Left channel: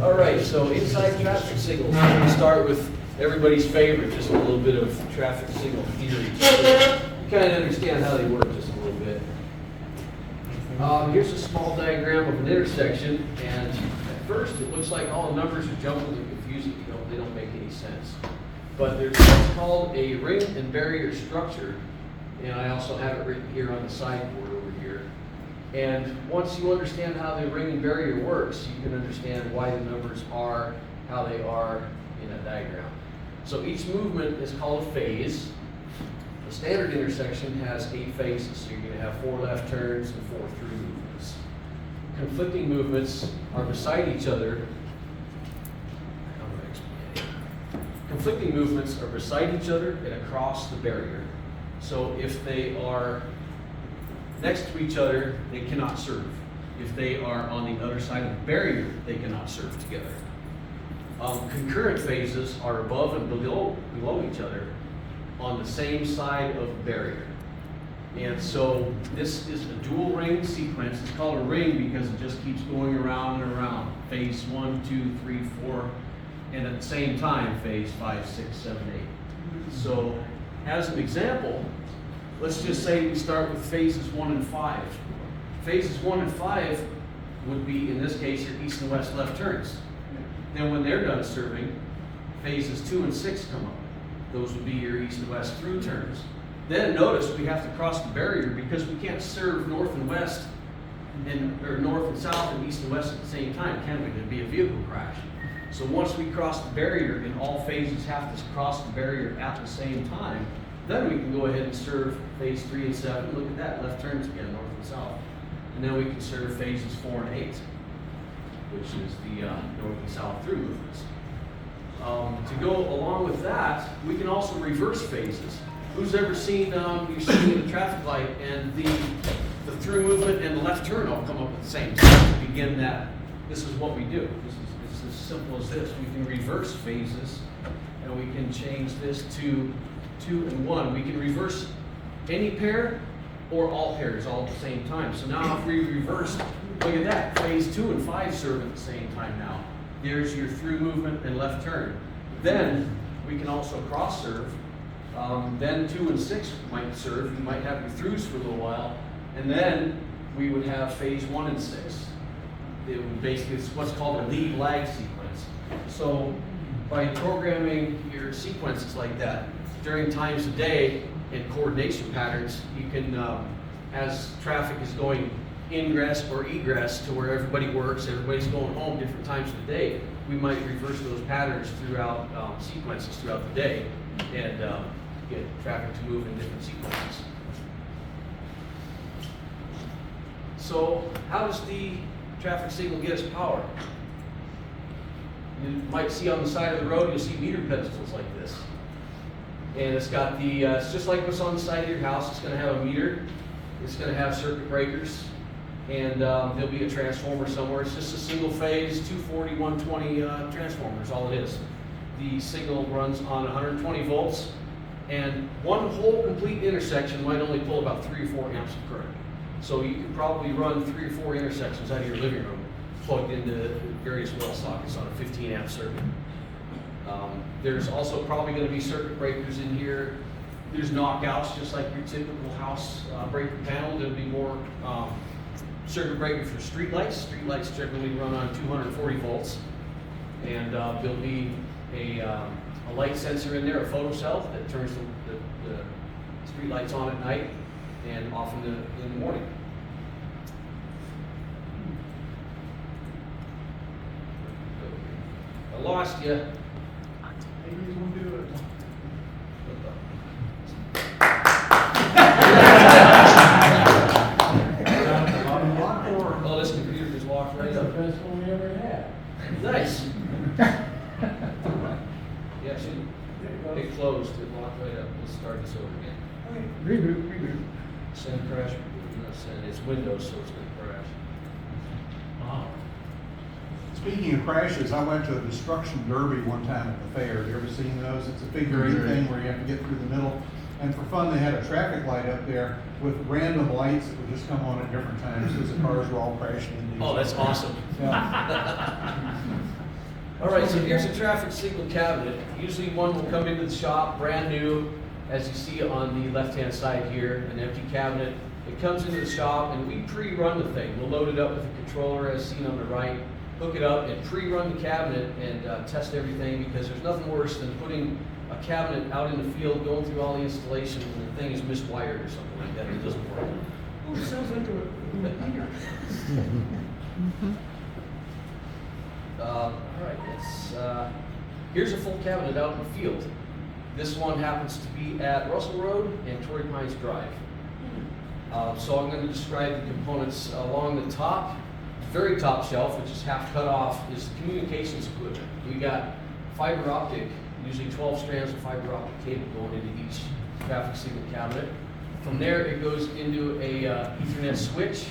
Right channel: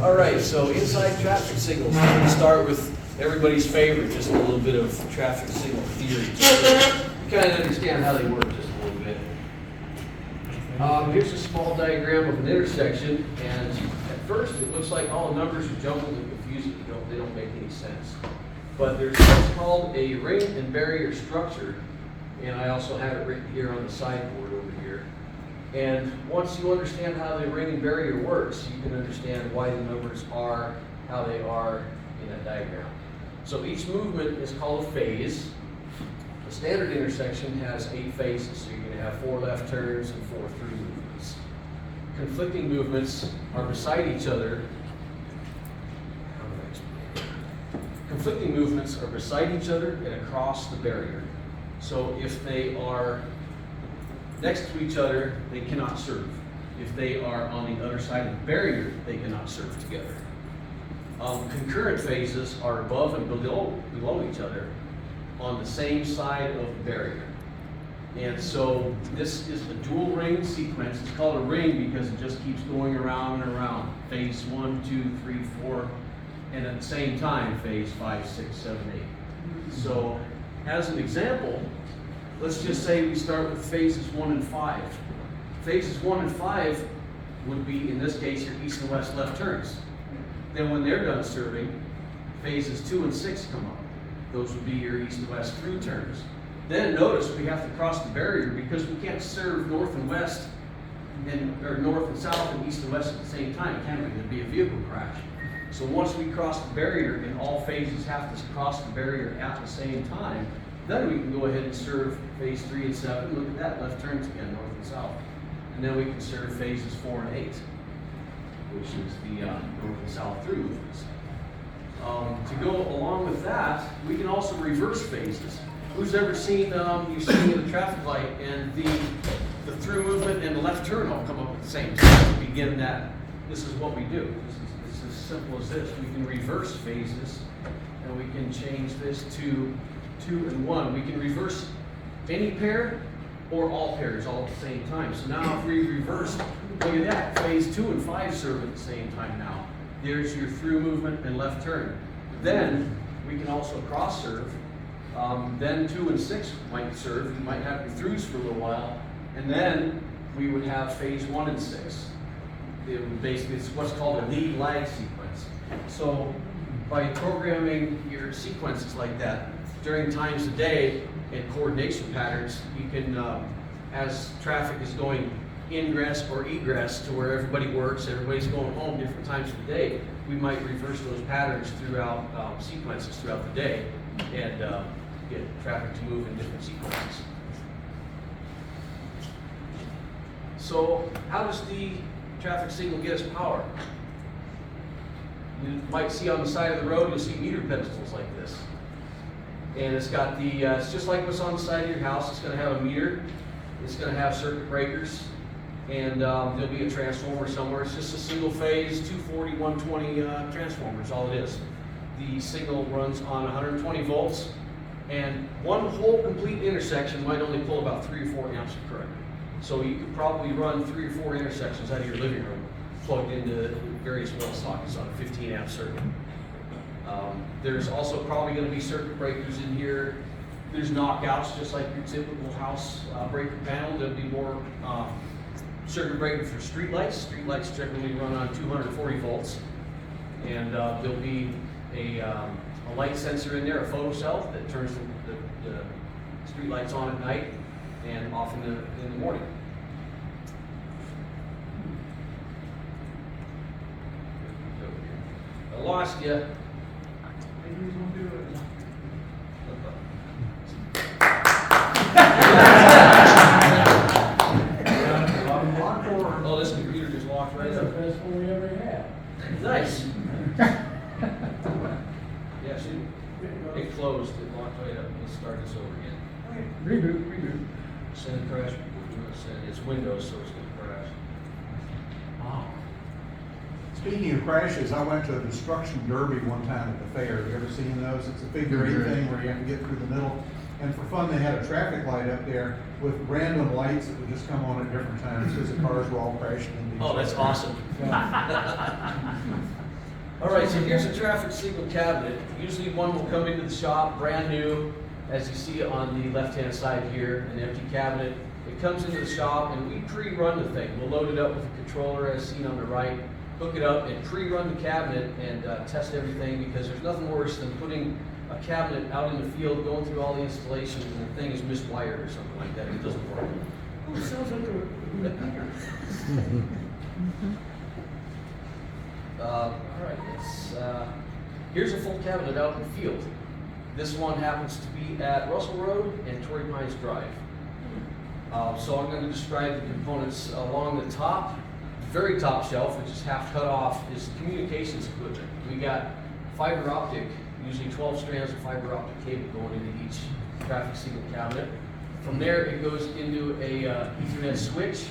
All right, so inside traffic signals. We're going to start with everybody's favorite, just a little bit of traffic signal theory. You kind of understand how they work just a little bit. Here's a small diagram of an intersection, and at first it looks like all the numbers are jumbled and confusing. They don't make any sense. But there's what's called a ring and barrier structure, and I also have it written here on the sideboard over here. And once you understand how the ring and barrier works, you can understand why the numbers are how they are in a diagram. So each movement is called a phase. A standard intersection has 8 phases, so you're going to have 4 left turns and 4 through movements. Conflicting movements are beside each other. How do I explain it? Conflicting movements are beside each other and across the barrier. So if they are next to each other, they cannot serve. If they are on the other side of the barrier, they cannot serve together. Concurrent phases are above and below each other on the same side of the barrier. And so this is a dual ring sequence. It's called a ring because it just keeps going around and around. Phase 1, 2, 3, 4, and at the same time, phase 5, 6, 7, 8. So as an example, let's just say we start with phases 1 and 5. Phases 1 and 5 would be, in this case, your east and west left turns. Then when they're done serving, phases 2 and 6 come up. Those would be your east and west through turns. Then notice we have to cross the barrier because we can't serve north and west, or north and south and east and west at the same time, can we? There'd be a vehicle crash. So once we cross the barrier and all phases have to cross the barrier at the same time, then we can go ahead and serve phase 3 and 7. Look at that, left turns again, north and south. And then we can serve phases 4 and 8, which is the north and south through movements. To go along with that, we can also reverse phases. Who's ever seen, you're sitting in the traffic light and the through movement and the left turn all come up at the same time to begin that? This is what we do. It's as simple as this. We can reverse phases and we can change this to 2 and 1. We can reverse any pair or all pairs all at the same time. So now if we reverse, look at that, phase 2 and 5 serve at the same time now. There's your through movement and left turn. Then we can also cross serve. Then 2 and 6 might serve. You might have your throughs for a little while. And then we would have phase 1 and 6. It would basically, it's what's called a lead lag sequence. So by programming your sequences like that, during times of day and coordination patterns, you can, as traffic is going ingress or egress to where everybody works, everybody's going home different times of the day, we might reverse those patterns throughout sequences throughout the day and get traffic to move in different sequences. So how does the traffic signal get us power? You might see on the side of the road, you'll see meter pedestals like this. And it's got the, it's just like what's on the side of your house. It's going to have a meter. It's going to have circuit breakers. And there'll be a transformer somewhere. It's just a single phase 240, 120 transformer is all it is. The signal runs on 120 volts. And one whole complete intersection might only pull about 3 or 4 amps of current. So you could probably run 3 or 4 intersections out of your living room plugged into various wall sockets on a 15 amp circuit. There's also probably going to be circuit breakers in here. There's knockouts, just like your typical house breaker panel. There'll be more circuit breakers for streetlights. Streetlights generally run on 240 volts. And there'll be a light sensor in there, a photocell, that turns the streetlights on at night and off in the morning. I lost you. Maybe he's gonna do it. Oh, this computer just locked right That's the up. best one we ever had. Nice. Yeah, see, it closed, it locked right up. Let's start this over again. Okay, reboot. Send crash, send, it's Windows, so it's gonna crash. Wow. Speaking of crashes, I went to a destruction derby one time at the fair. You ever seen those? It's a figure eight thing where you have to get through the middle. And for fun, they had a traffic light up there with random lights that would just come on at different times because the cars were all crashing into each other. Oh, that's awesome. Yeah. All right, so here's a traffic signal cabinet. Usually one will come into the shop, brand new, as you see on the left-hand side here, an empty cabinet. It comes into the shop and we pre-run the thing. We'll load it up with a controller as seen on the right, hook it up and pre-run the cabinet and test everything, because there's nothing worse than putting a cabinet out in the field, going through all the installations, and the thing is miswired or something like that. It doesn't work. Oh, it sounds like a computer. All right, here's a full cabinet out in the field. This one happens to be at Russell Road and Torrey Pines Drive. So I'm going to describe the components along the top. Very top shelf, which is half cut off, is communications equipment. We got fiber optic, usually 12 strands of fiber optic cable going into each traffic signal cabinet. From there, it goes into a Ethernet switch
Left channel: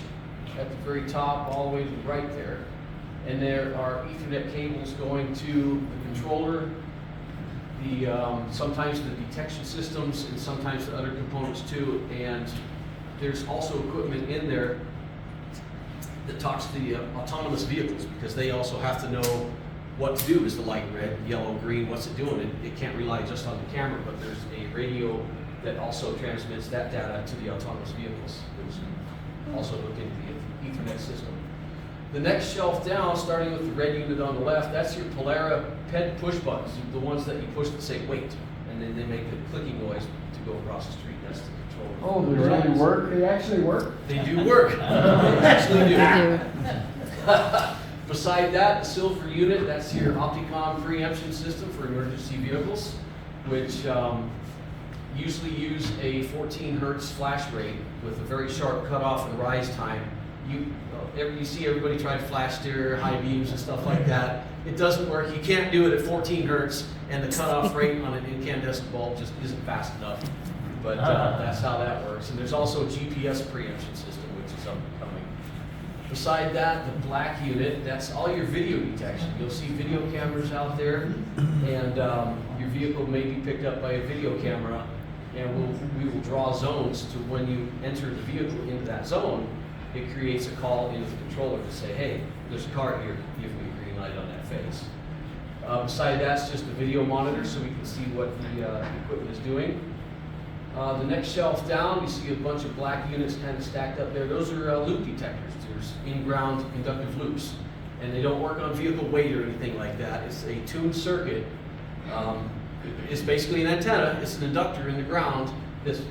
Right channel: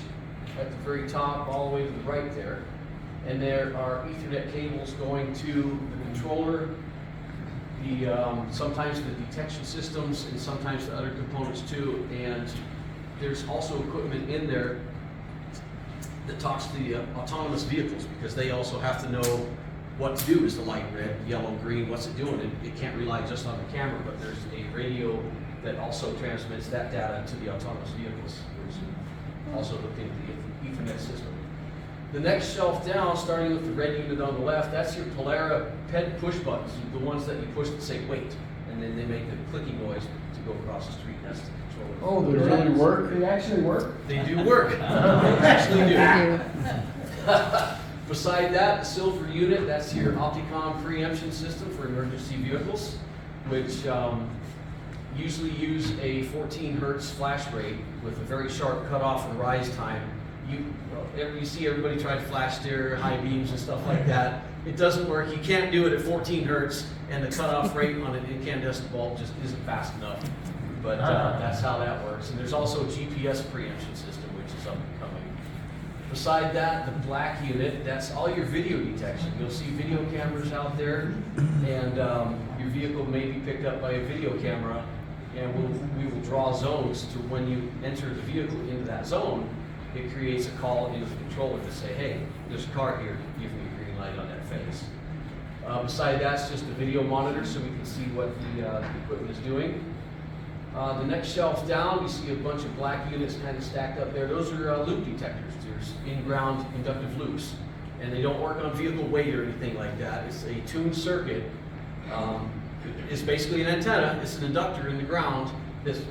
at the very top, all the way to the right there. And there are Ethernet cables going to the controller, sometimes the detection systems, and sometimes the other components too. And there's also equipment in there that talks to the autonomous vehicles, because they also have to know what to do. Is the light red, yellow, green? What's it doing? It can't rely just on the camera, but there's a radio that also transmits that data to the autonomous vehicles, which also hooked into the Ethernet system. The next shelf down, starting with the red unit on the left, that's your Polara PED push buttons, the ones that you push to say wait, and then they make a clicking noise to go across the street. That's the controller. Oh, they really work? They actually work? They do work. They actually do. Beside that, the silver unit, that's your Opticom preemption system for emergency vehicles, which usually use a 14 hertz flash rate with a very sharp cutoff and rise time. You see everybody try to flash steer, high beams and stuff like that. It doesn't work. You can't do it at 14 hertz, and the cutoff rate on an incandescent bulb just isn't fast enough. But that's how that works. And there's also a GPS preemption system, which is up and coming. Beside that, the black unit, that's all your video detection. You'll see video cameras out there, and your vehicle may be picked up by a video camera, and we will draw zones to when you enter the vehicle into that zone. It creates a call into the controller to say, hey, there's a car here, give me a green light on that phase. Beside that's just a video monitor, so we can see what the equipment is doing. The next shelf down, you see a bunch of black units kind of stacked up there. Those are loop detectors. There's in-ground inductive loops, and they don't work on vehicle weight or anything like that. It's a tuned circuit. It's basically an antenna. It's an inductor in the ground. It's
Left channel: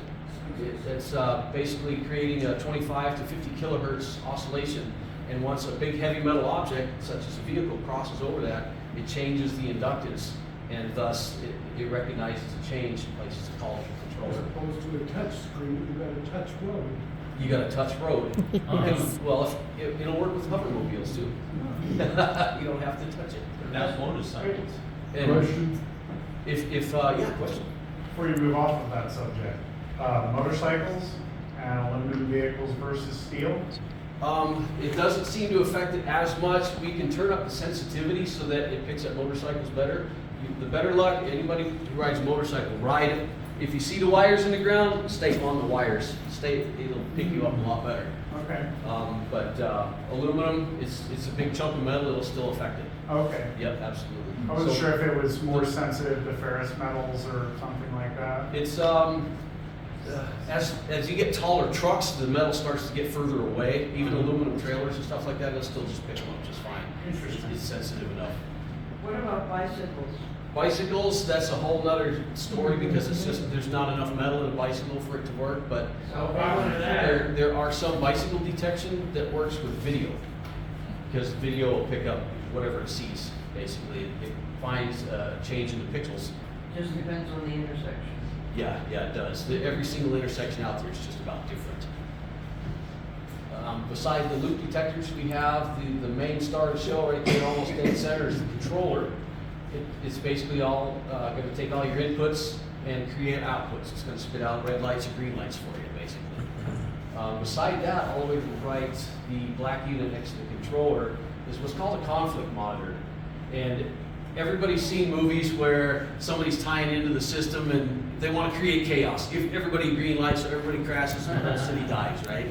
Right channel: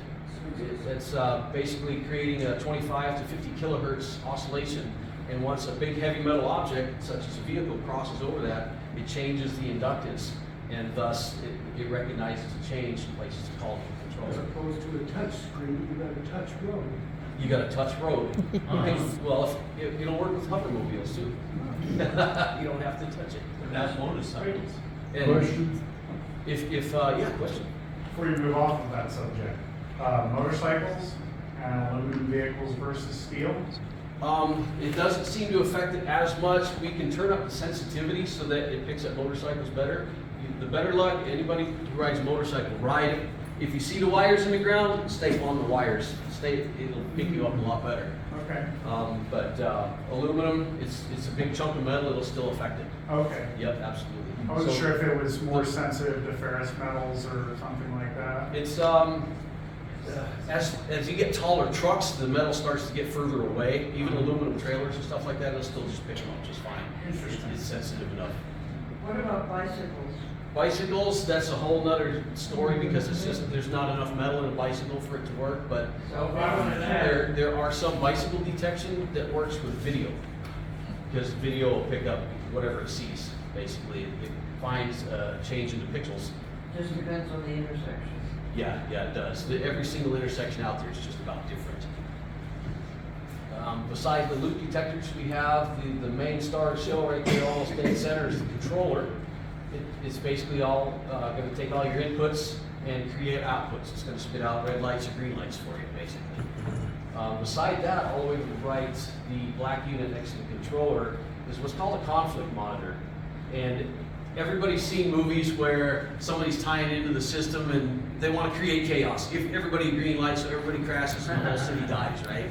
basically creating a 25 to 50 kilohertz oscillation. And once a big heavy metal object, such as a vehicle, crosses over that, it changes the inductance, and thus it recognizes a change and places to call the As controller. opposed to a touch screen, you got a touch road. You got a touch road. Well, it'll work with hovermobiles too. You don't have to touch it. That's motorcycles. And Question? yeah, question. Before you move off of that subject, motorcycles and aluminum vehicles versus steel? It doesn't seem to affect it as much. We can turn up the sensitivity so that it picks up motorcycles better. The better luck, anybody who rides a motorcycle, ride it. If you see the wires in the ground, stay on the wires. It'll pick you up a lot better. Okay. But aluminum, it's a big chunk of metal, it'll still affect it. Okay. Yep, absolutely. I wasn't So- sure if it was more sensitive to ferrous metals or something like that. It's as you get taller trucks, the metal starts to get further away. Even aluminum trailers and stuff like that, it'll still just pick them up just fine. Interesting. It's sensitive enough. What about bicycles? Bicycles, that's a whole nother story, because it's just there's not enough metal in a bicycle for it to work. But there are some bicycle detection that works with video, because video will pick up whatever it sees. Basically, it finds a change in the pixels. Just depends on the intersection. Yeah, it does. Every single intersection out there is just about different. Besides the loop detectors, we have the main star of the show right there, almost in the center, is the controller. It's basically all going to take all your inputs and create outputs. It's going to spit out red lights and green lights for you, basically. Beside that, all the way to the right, the black unit next to the controller is what's called a conflict monitor. And everybody's seen movies where somebody's tying into the system and they want to create chaos. Give everybody green lights so everybody crashes and the whole city dies, right?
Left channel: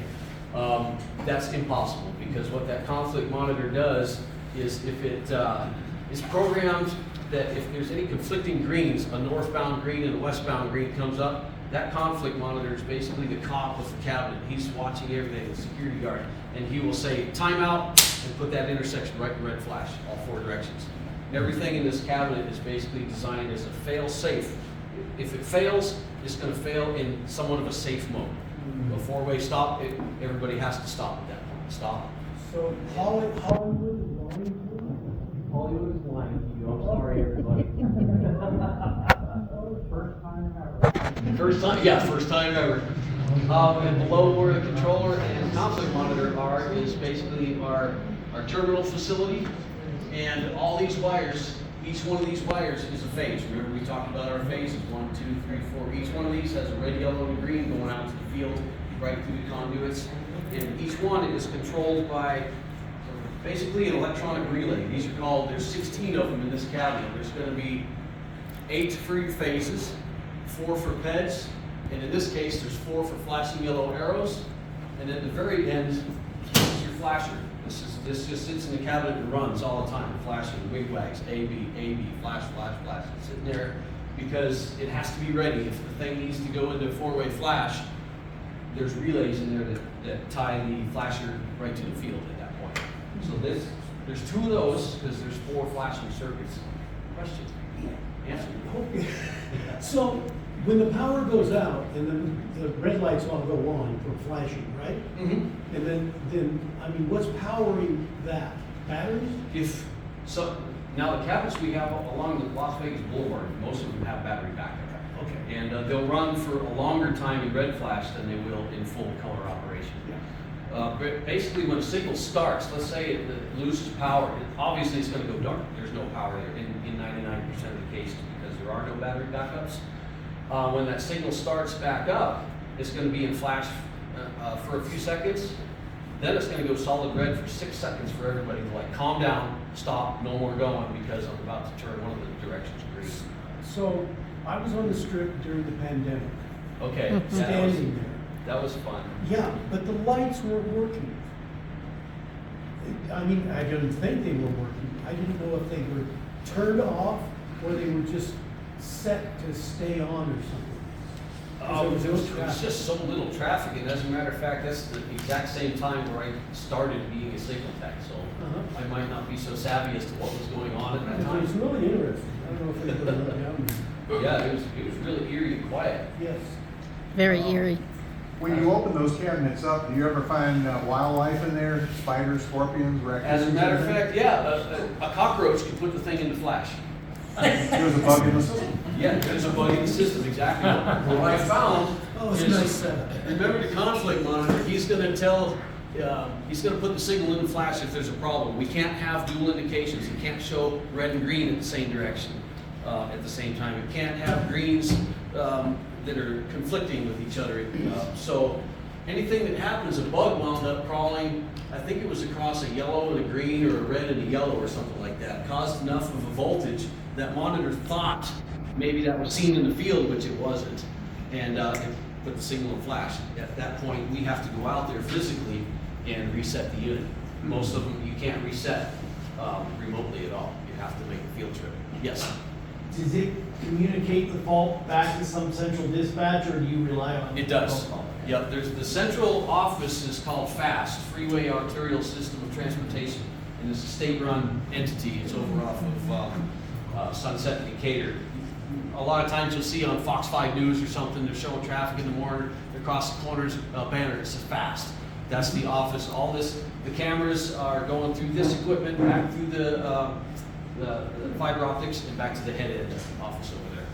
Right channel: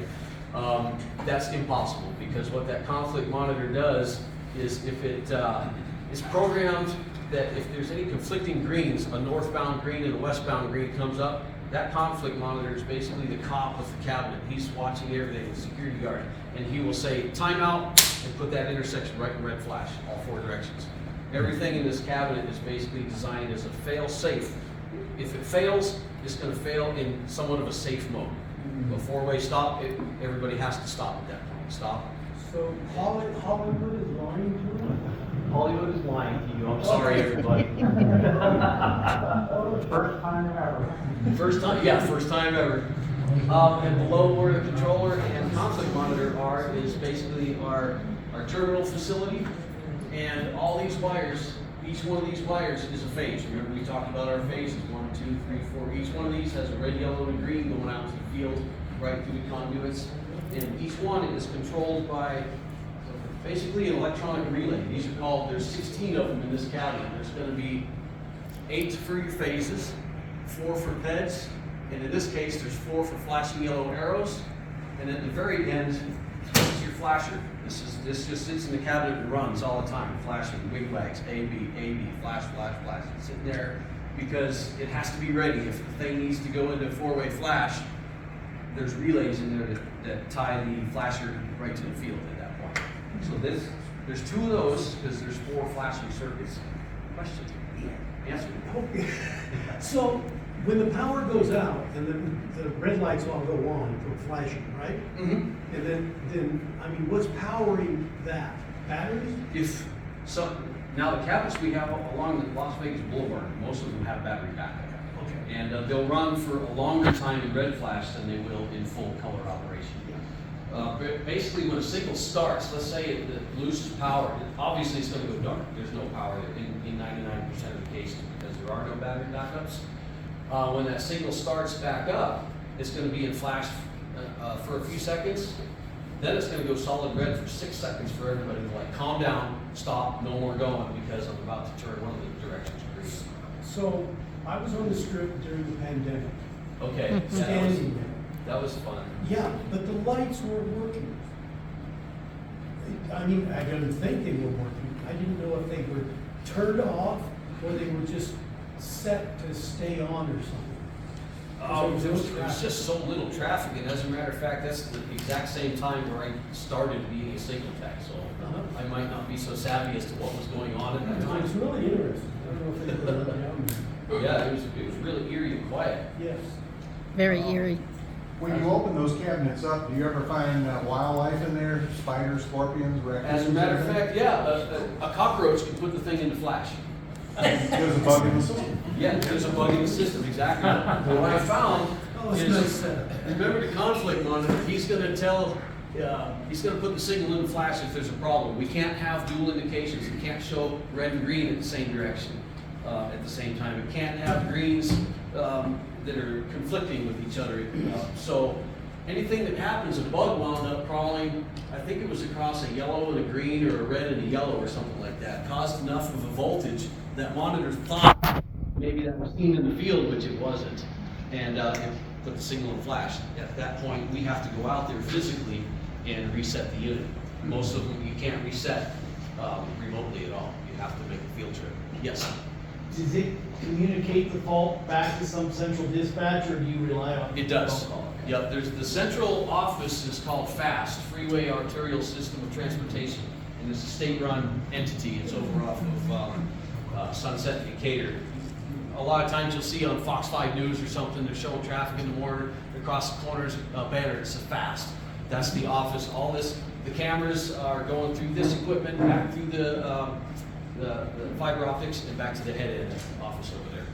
That's impossible, because what that conflict monitor does is if It's programmed that if there's any conflicting greens, a northbound green and a westbound green comes up, that conflict monitor is basically the cop with the cabinet. He's watching everything, the security guard, and he will say timeout and put that intersection right in red flash, all 4 directions. Everything in this cabinet is basically designed as a fail-safe. If it fails, it's going to fail in somewhat of a safe mode. A 4-way stop, everybody has to stop at that point. Stop. So Hollywood is lying to us? Hollywood is lying to you. I'm sorry, everybody. First time ever. First time ever. And below where the controller and conflict monitor are is basically our terminal facility. And all these wires, each one of these wires is a phase. Remember we talked about our phases, 1, 2, 3, 4. Each one of these has a red, yellow, and green going out to the field, right through the conduits. And each one is controlled by basically an electronic relay. These are called, there's 16 of them in this cabinet. There's going to be 8 for your phases, 4 for PEDs, and in this case there's 4 for flashing yellow arrows, and at the very end is your flasher. This just sits in the cabinet and runs all the time, flashing wigwags, A, B, flash, flash, flash. It's sitting there because it has to be ready. If the thing needs to go into a 4-way flash, there's relays in there that tie the flasher right to the field at that point. So there's 2 of those because there's 4 flashing circuits. Question? Answer. Okay. So when the power goes out and then the red lights all go on for flashing, right? Mm-hmm. And then I mean, what's powering that? Batteries? Now the cabinets we have along the Las Vegas Boulevard, most of them have battery backup. Okay. And they'll run for a longer time in red flash than they will in full color operation. Basically, when a signal starts, let's say it loses power, obviously it's going to go dark. There's no power there in 99% of the cases because there are no battery backups. When that signal starts back up, it's going to be in flash for a few seconds. Then it's going to go solid red for 6 seconds for everybody to like calm down, stop, no more going because I'm about to turn one of the directions green. So I was on the strip during the pandemic. Okay, Standing there. that was fun. Yeah, but the lights weren't working. I mean, I didn't think they were working. I didn't know if they were turned off or they were just set to stay on or something. There was just so little traffic, and as a matter of fact, that's the exact same time where I started being a signal tech, so I might not be so savvy as to what was going on at that It was time. really interesting. I don't know if anybody went down there. Yeah, it was really eerie and quiet. Yes. Very eerie. When you open those cabinets up, do you ever find wildlife in there? Spiders, scorpions, raccoons? As a matter of fact, yeah, a cockroach can put the thing into flash. There's a bug in the system. Yeah, there's a bug in the system, exactly. What I found It's is, nice setup. remember the conflict monitor, he's gonna put the signal in the flash if there's a problem. We can't have dual indications. It can't show red and green in the same direction at the same time. It can't have greens that are conflicting with each other. So anything that happens, a bug wound up crawling, I think it was across a yellow and a green or a red and a yellow or something like that, caused enough of a voltage that monitor thought maybe that was seen in the field, which it wasn't, and it put the signal in flash. At that point, we have to go out there physically and reset the unit. Most of them you can't reset remotely at all. You have to make a field trip. Yes? Does it communicate the fault back to some central dispatch, or do you rely on? It does. phone call? Yep, there's the central office is called FAST, Freeway Arterial System of Transportation, and it's a state-run entity. It's over off of Sunset and Decatur. A lot of times you'll see on Fox 5 News or something, they're showing traffic in the morning, across the corners, banner, it says FAST. That's the office. All this, the cameras are going through this equipment, back through the fiber optics, and back to the head end office over there.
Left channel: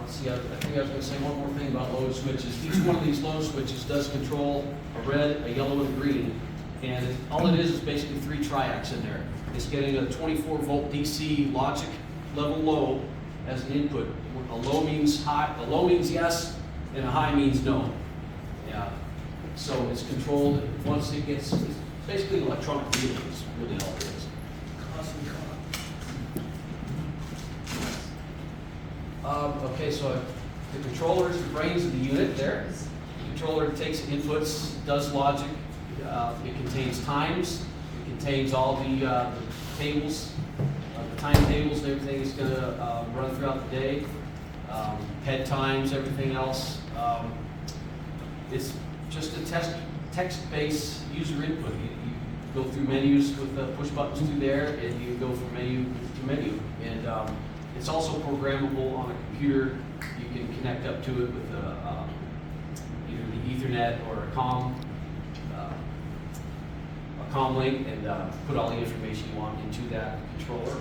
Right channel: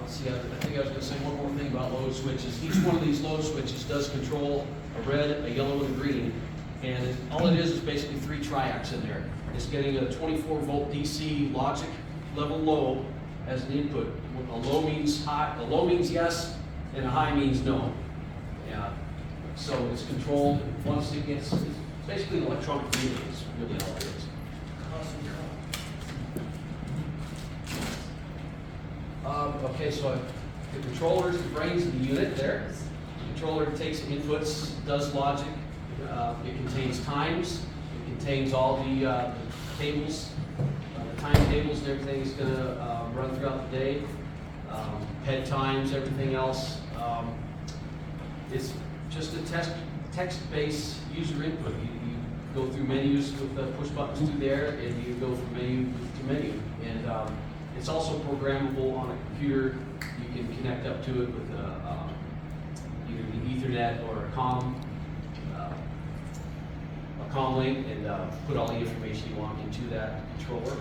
Let's see, I think I was gonna say one more thing about load switches. Each one of these load switches does control a red, a yellow, and a green. And all it is basically 3 triacs in there. It's getting a 24-volt DC logic level low as an input. A low means high, a low means yes, and a high means no. So it's controlled once it gets, it's basically an electronic relay, is really all it is. Okay, so the controller is the brains of the unit there. The controller takes inputs, does logic. It contains times, it contains all the tables, the timetables and everything is gonna run throughout the day. Head times, everything else. It's just a text-based user input. You go through menus with push buttons through there, and you go from menu to menu. And it's also programmable on a computer. You can connect up to it with either the Ethernet or a comm link, and put all the information you want into that controller.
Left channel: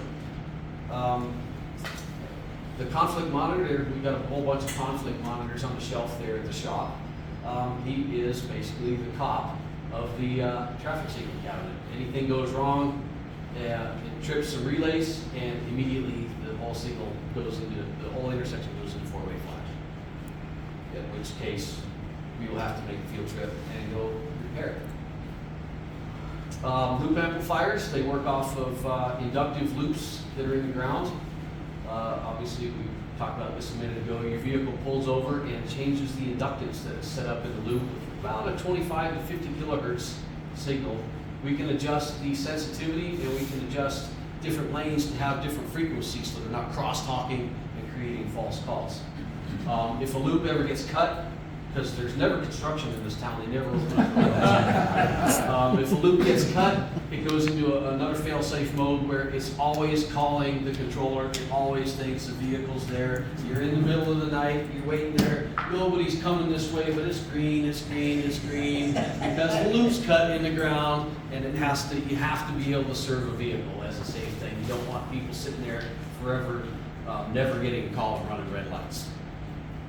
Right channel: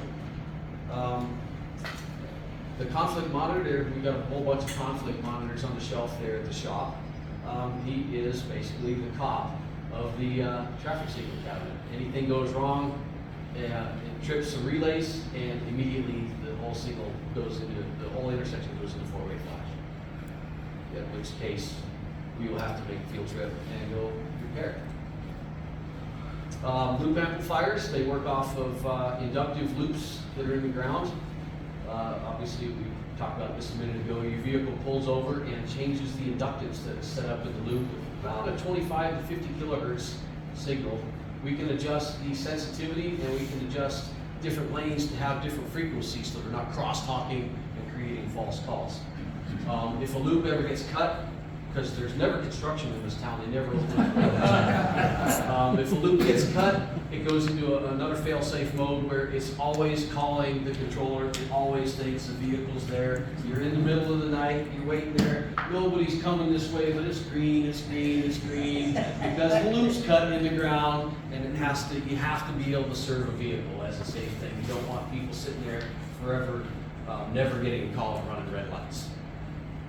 The conflict monitor, we've got a whole bunch of conflict monitors on the shelf there at the shop. He is basically the cop of the traffic signal cabinet. Anything goes wrong, it trips some relays, and immediately the whole signal goes into, the whole intersection goes into four-way flash. In which case, we will have to make a field trip and go repair it. Loop amplifiers, they work off of inductive loops that are in the ground. Obviously, we talked about this a minute ago. Your vehicle pulls over and changes the inductance that is set up in the loop. About a 25 to 50 kilohertz signal. We can adjust the sensitivity, and we can adjust different lanes to have different frequencies so they're not cross-talking and creating false calls. If a loop ever gets cut, because there's never construction in this town, they never open up. If a loop gets cut, it goes into another fail-safe mode where it's always calling the controller. It always thinks the vehicle's there. You're in the middle of the night, you're waiting there, nobody's coming this way, but it's green, it's green, it's green, because the loop's cut in the ground, and you have to be able to serve a vehicle as a safe thing. You don't want people sitting there forever, never getting a call and running red lights.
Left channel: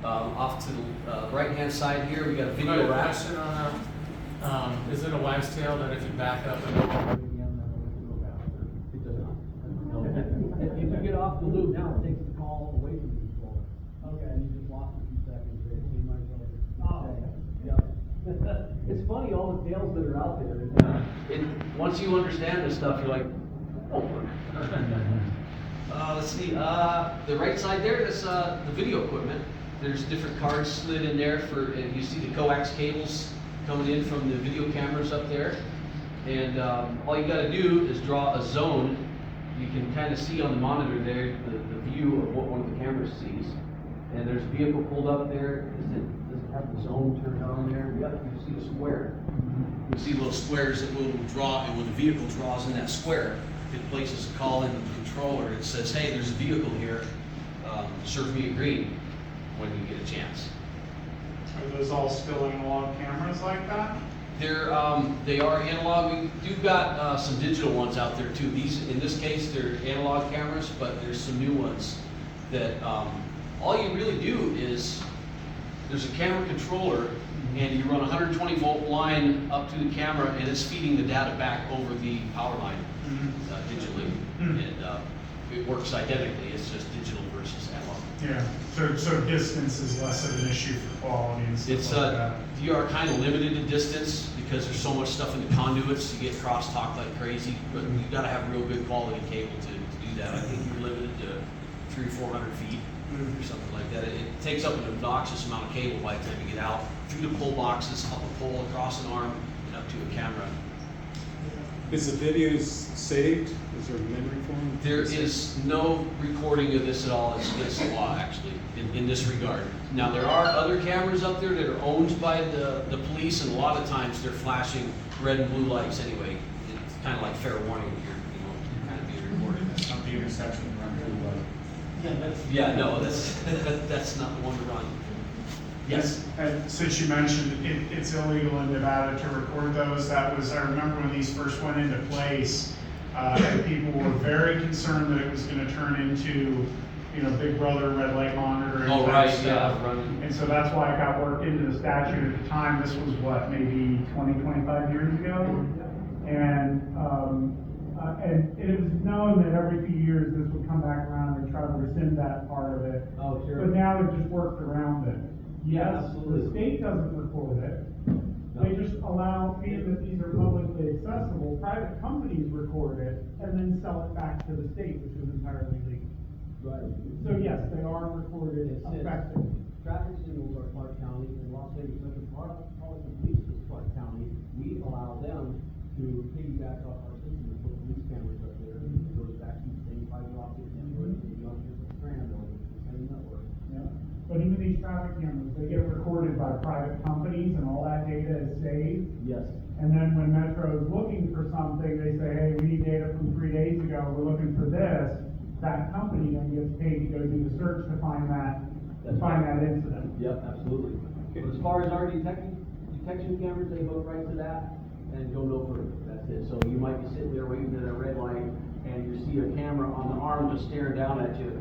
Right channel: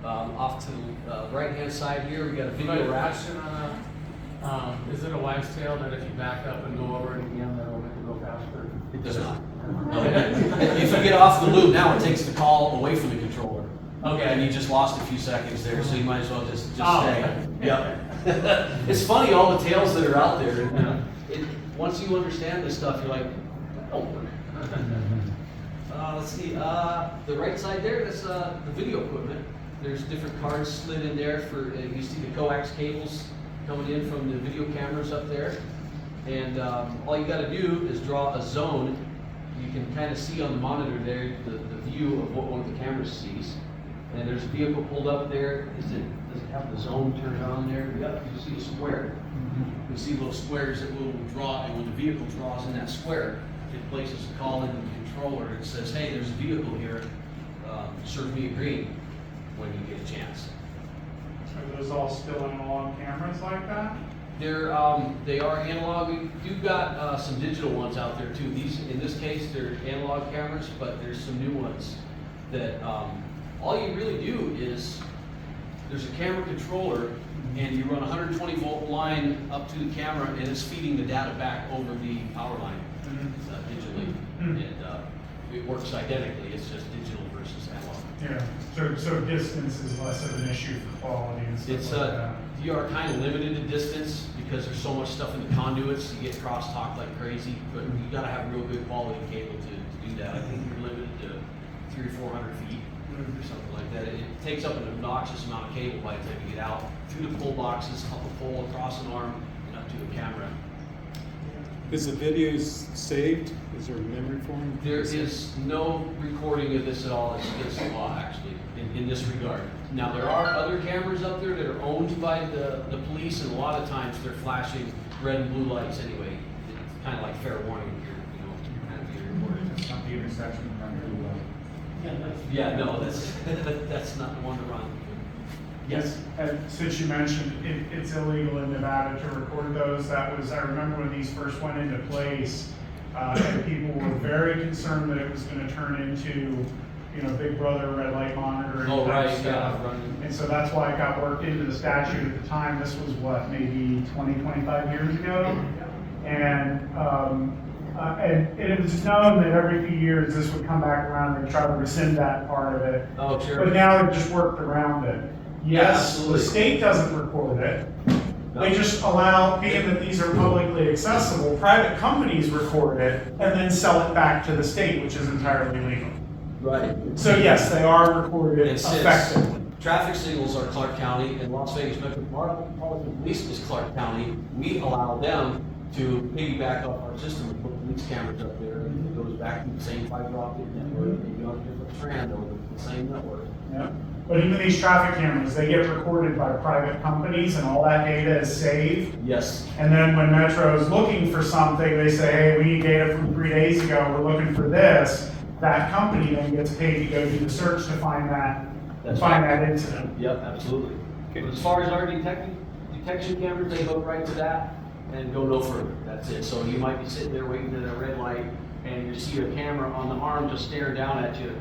Off to the right-hand side here, we got a video rack. Question on is it a wise tale that if you back up and go already again, that'll make it go faster? It does not. If you get off the loop, now it takes the call away from the controller. Okay. And you just lost a few seconds there, so you might as well just Oh, stay. okay. Yeah. It's funny, all the tales that are out there. Once you understand this stuff, you're like, oh. Let's see, the right side there, that's the video equipment. There's different cards slid in there for, you see the coax cables coming in from the video cameras up there. And all you gotta do is draw a zone. You can kind of see on the monitor there the view of what one of the cameras sees. And there's a vehicle pulled up there. Does it have the zone turned on there? Yep, you see a square. You can see little squares that will draw, and when the vehicle draws in that square, it places a call into the controller. It says, hey, there's a vehicle here, serve me a green when you get a chance. Are those all still analog cameras like that? They are analog. We've got some digital ones out there too. These, in this case, they're analog cameras, but there's some new ones that all you really do is there's a camera controller, and you run a 120 volt line up to the camera, and it's feeding the data back over the power line digitally, and it works identically. It's just digital versus analog. Yeah, so distance is less of an issue for quality and stuff It's like that. you are kind of limited to distance because there's so much stuff in the conduits. You get crosstalk like crazy, but you got to have real good quality cable to do that. I think you're limited to 300 or 400 feet or something like that. It takes up an obnoxious amount of cable by the time you get out through the pull boxes, up a pole, across an arm, and up to a camera. Is the video saved? Is there a memory foam? There is no recording of this at all. It's against the law, actually, in this regard. Now, there are other cameras up there that are owned by the police, and a lot of times they're flashing red and blue lights anyway. It's kind of like fair warning here, kind of be recorded. It's not the intersection around the way. Yeah, no, that's not the one to run. Yes. And since you mentioned it's illegal in Nevada to record those, I remember when these first went into place, and people were very concerned that it was gonna turn into, Big Brother, red light monitor. Oh, right, stuff. yeah, running. And so that's why it got worked into the statute at the time. This was what, maybe 20, 25 years ago? And it was known that every few years this would come back around and try to rescind that part of it. Oh, sure. But now they've just worked around it. Yes, absolutely. the state doesn't record it. They just allow, being that these are publicly accessible, private companies record it and then sell it back to the state, which is entirely legal. Right. So yes, they are recorded And since effectively. traffic signals are Clark County and Las Vegas Metropolitan Police is Clark County, we allow them to piggyback off our system and put police cameras up there, and it goes back to the same fiber optic network, maybe on a different strand over the same network. Yeah. But even these traffic cameras, they get recorded by private companies and all that data is saved. Yes. And then when Metro is looking for something, they say, hey, we need data from 3 days ago, we're looking for this. That company then gets paid to go do the search to find that, that incident. Yep, absolutely. But as far as our detection cameras, they hook right to that and go no further. That's it. So you might be sitting there waiting at a red light and you see a camera on the arm just staring down at you.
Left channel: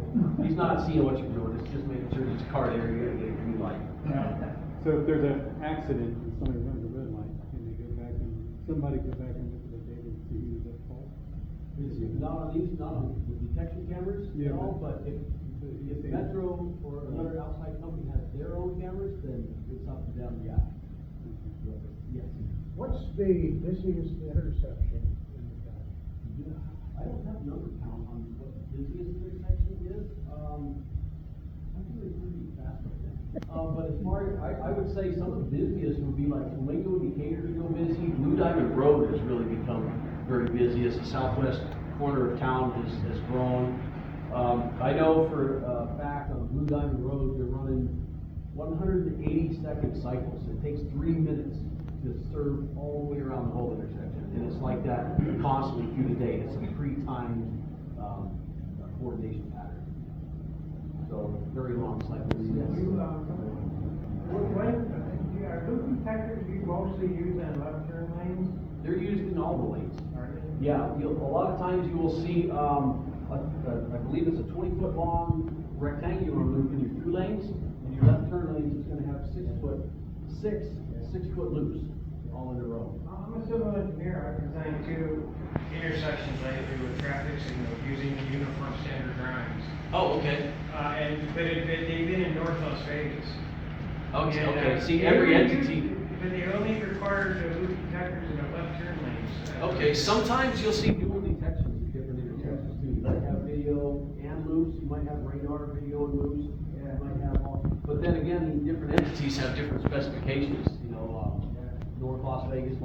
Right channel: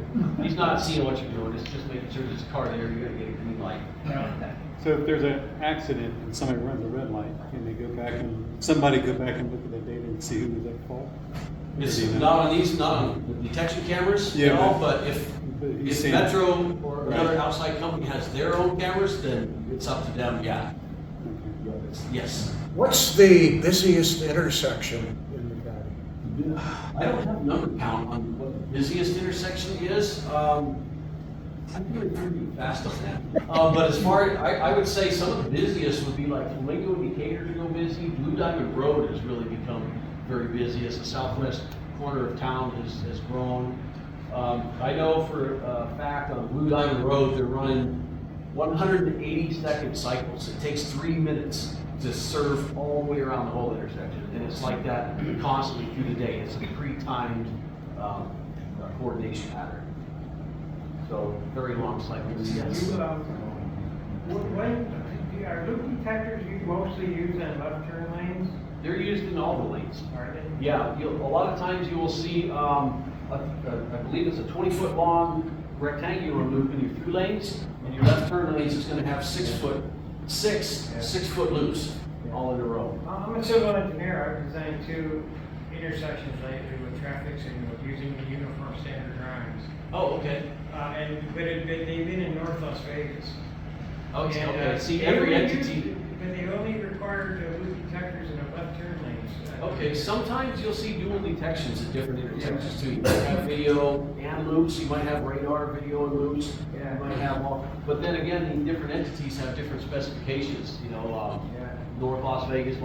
He's not seeing what you're doing. It's just making sure there's a car there. You gotta get a green light. Yeah. So if there's an accident and somebody runs a red light, can they go back and, somebody go back and look at the data and see who was at fault? It's not on these, not on the detection cameras at all, but if Metro or another outside company has their own cameras, then it's up to them, yeah. Yes. What's the busiest intersection in the county? I don't have a number count on what the busiest intersection is. I'm doing pretty fast on that. But as far, I would say some of the busiest would be like Flamingo and Decatur is real busy. Blue Diamond Road has really become very busy as the southwest corner of town has grown. I know for a fact on Blue Diamond Road, they're running 180-second cycles. It takes 3 minutes to serve all the way around the whole intersection. And it's like that constantly through the day. It's a pre-timed coordination pattern. So very long cycles. Yes. Are loop detectors you mostly use in left turn lanes? They're used in all the lanes. Are they? Yeah, a lot of times you will see, I believe it's a 20-foot long rectangular loop in your through lanes, and your left turn lanes is going to have 6 foot loops all in a row. I'm a civil engineer. I've designed 2 intersections lately with traffic signals using the uniform standard drawings. Oh, okay. But they've been in North Las Vegas. Okay, And, okay. See, they every only entity. use- But they only require loop detectors in the left turn lanes. Okay, sometimes you'll see dual detections at different intersections too. You might have video and loops, you might have radar, video and loops. Yeah. You might have all, but then again, the different entities have different specifications, you know, North Las Vegas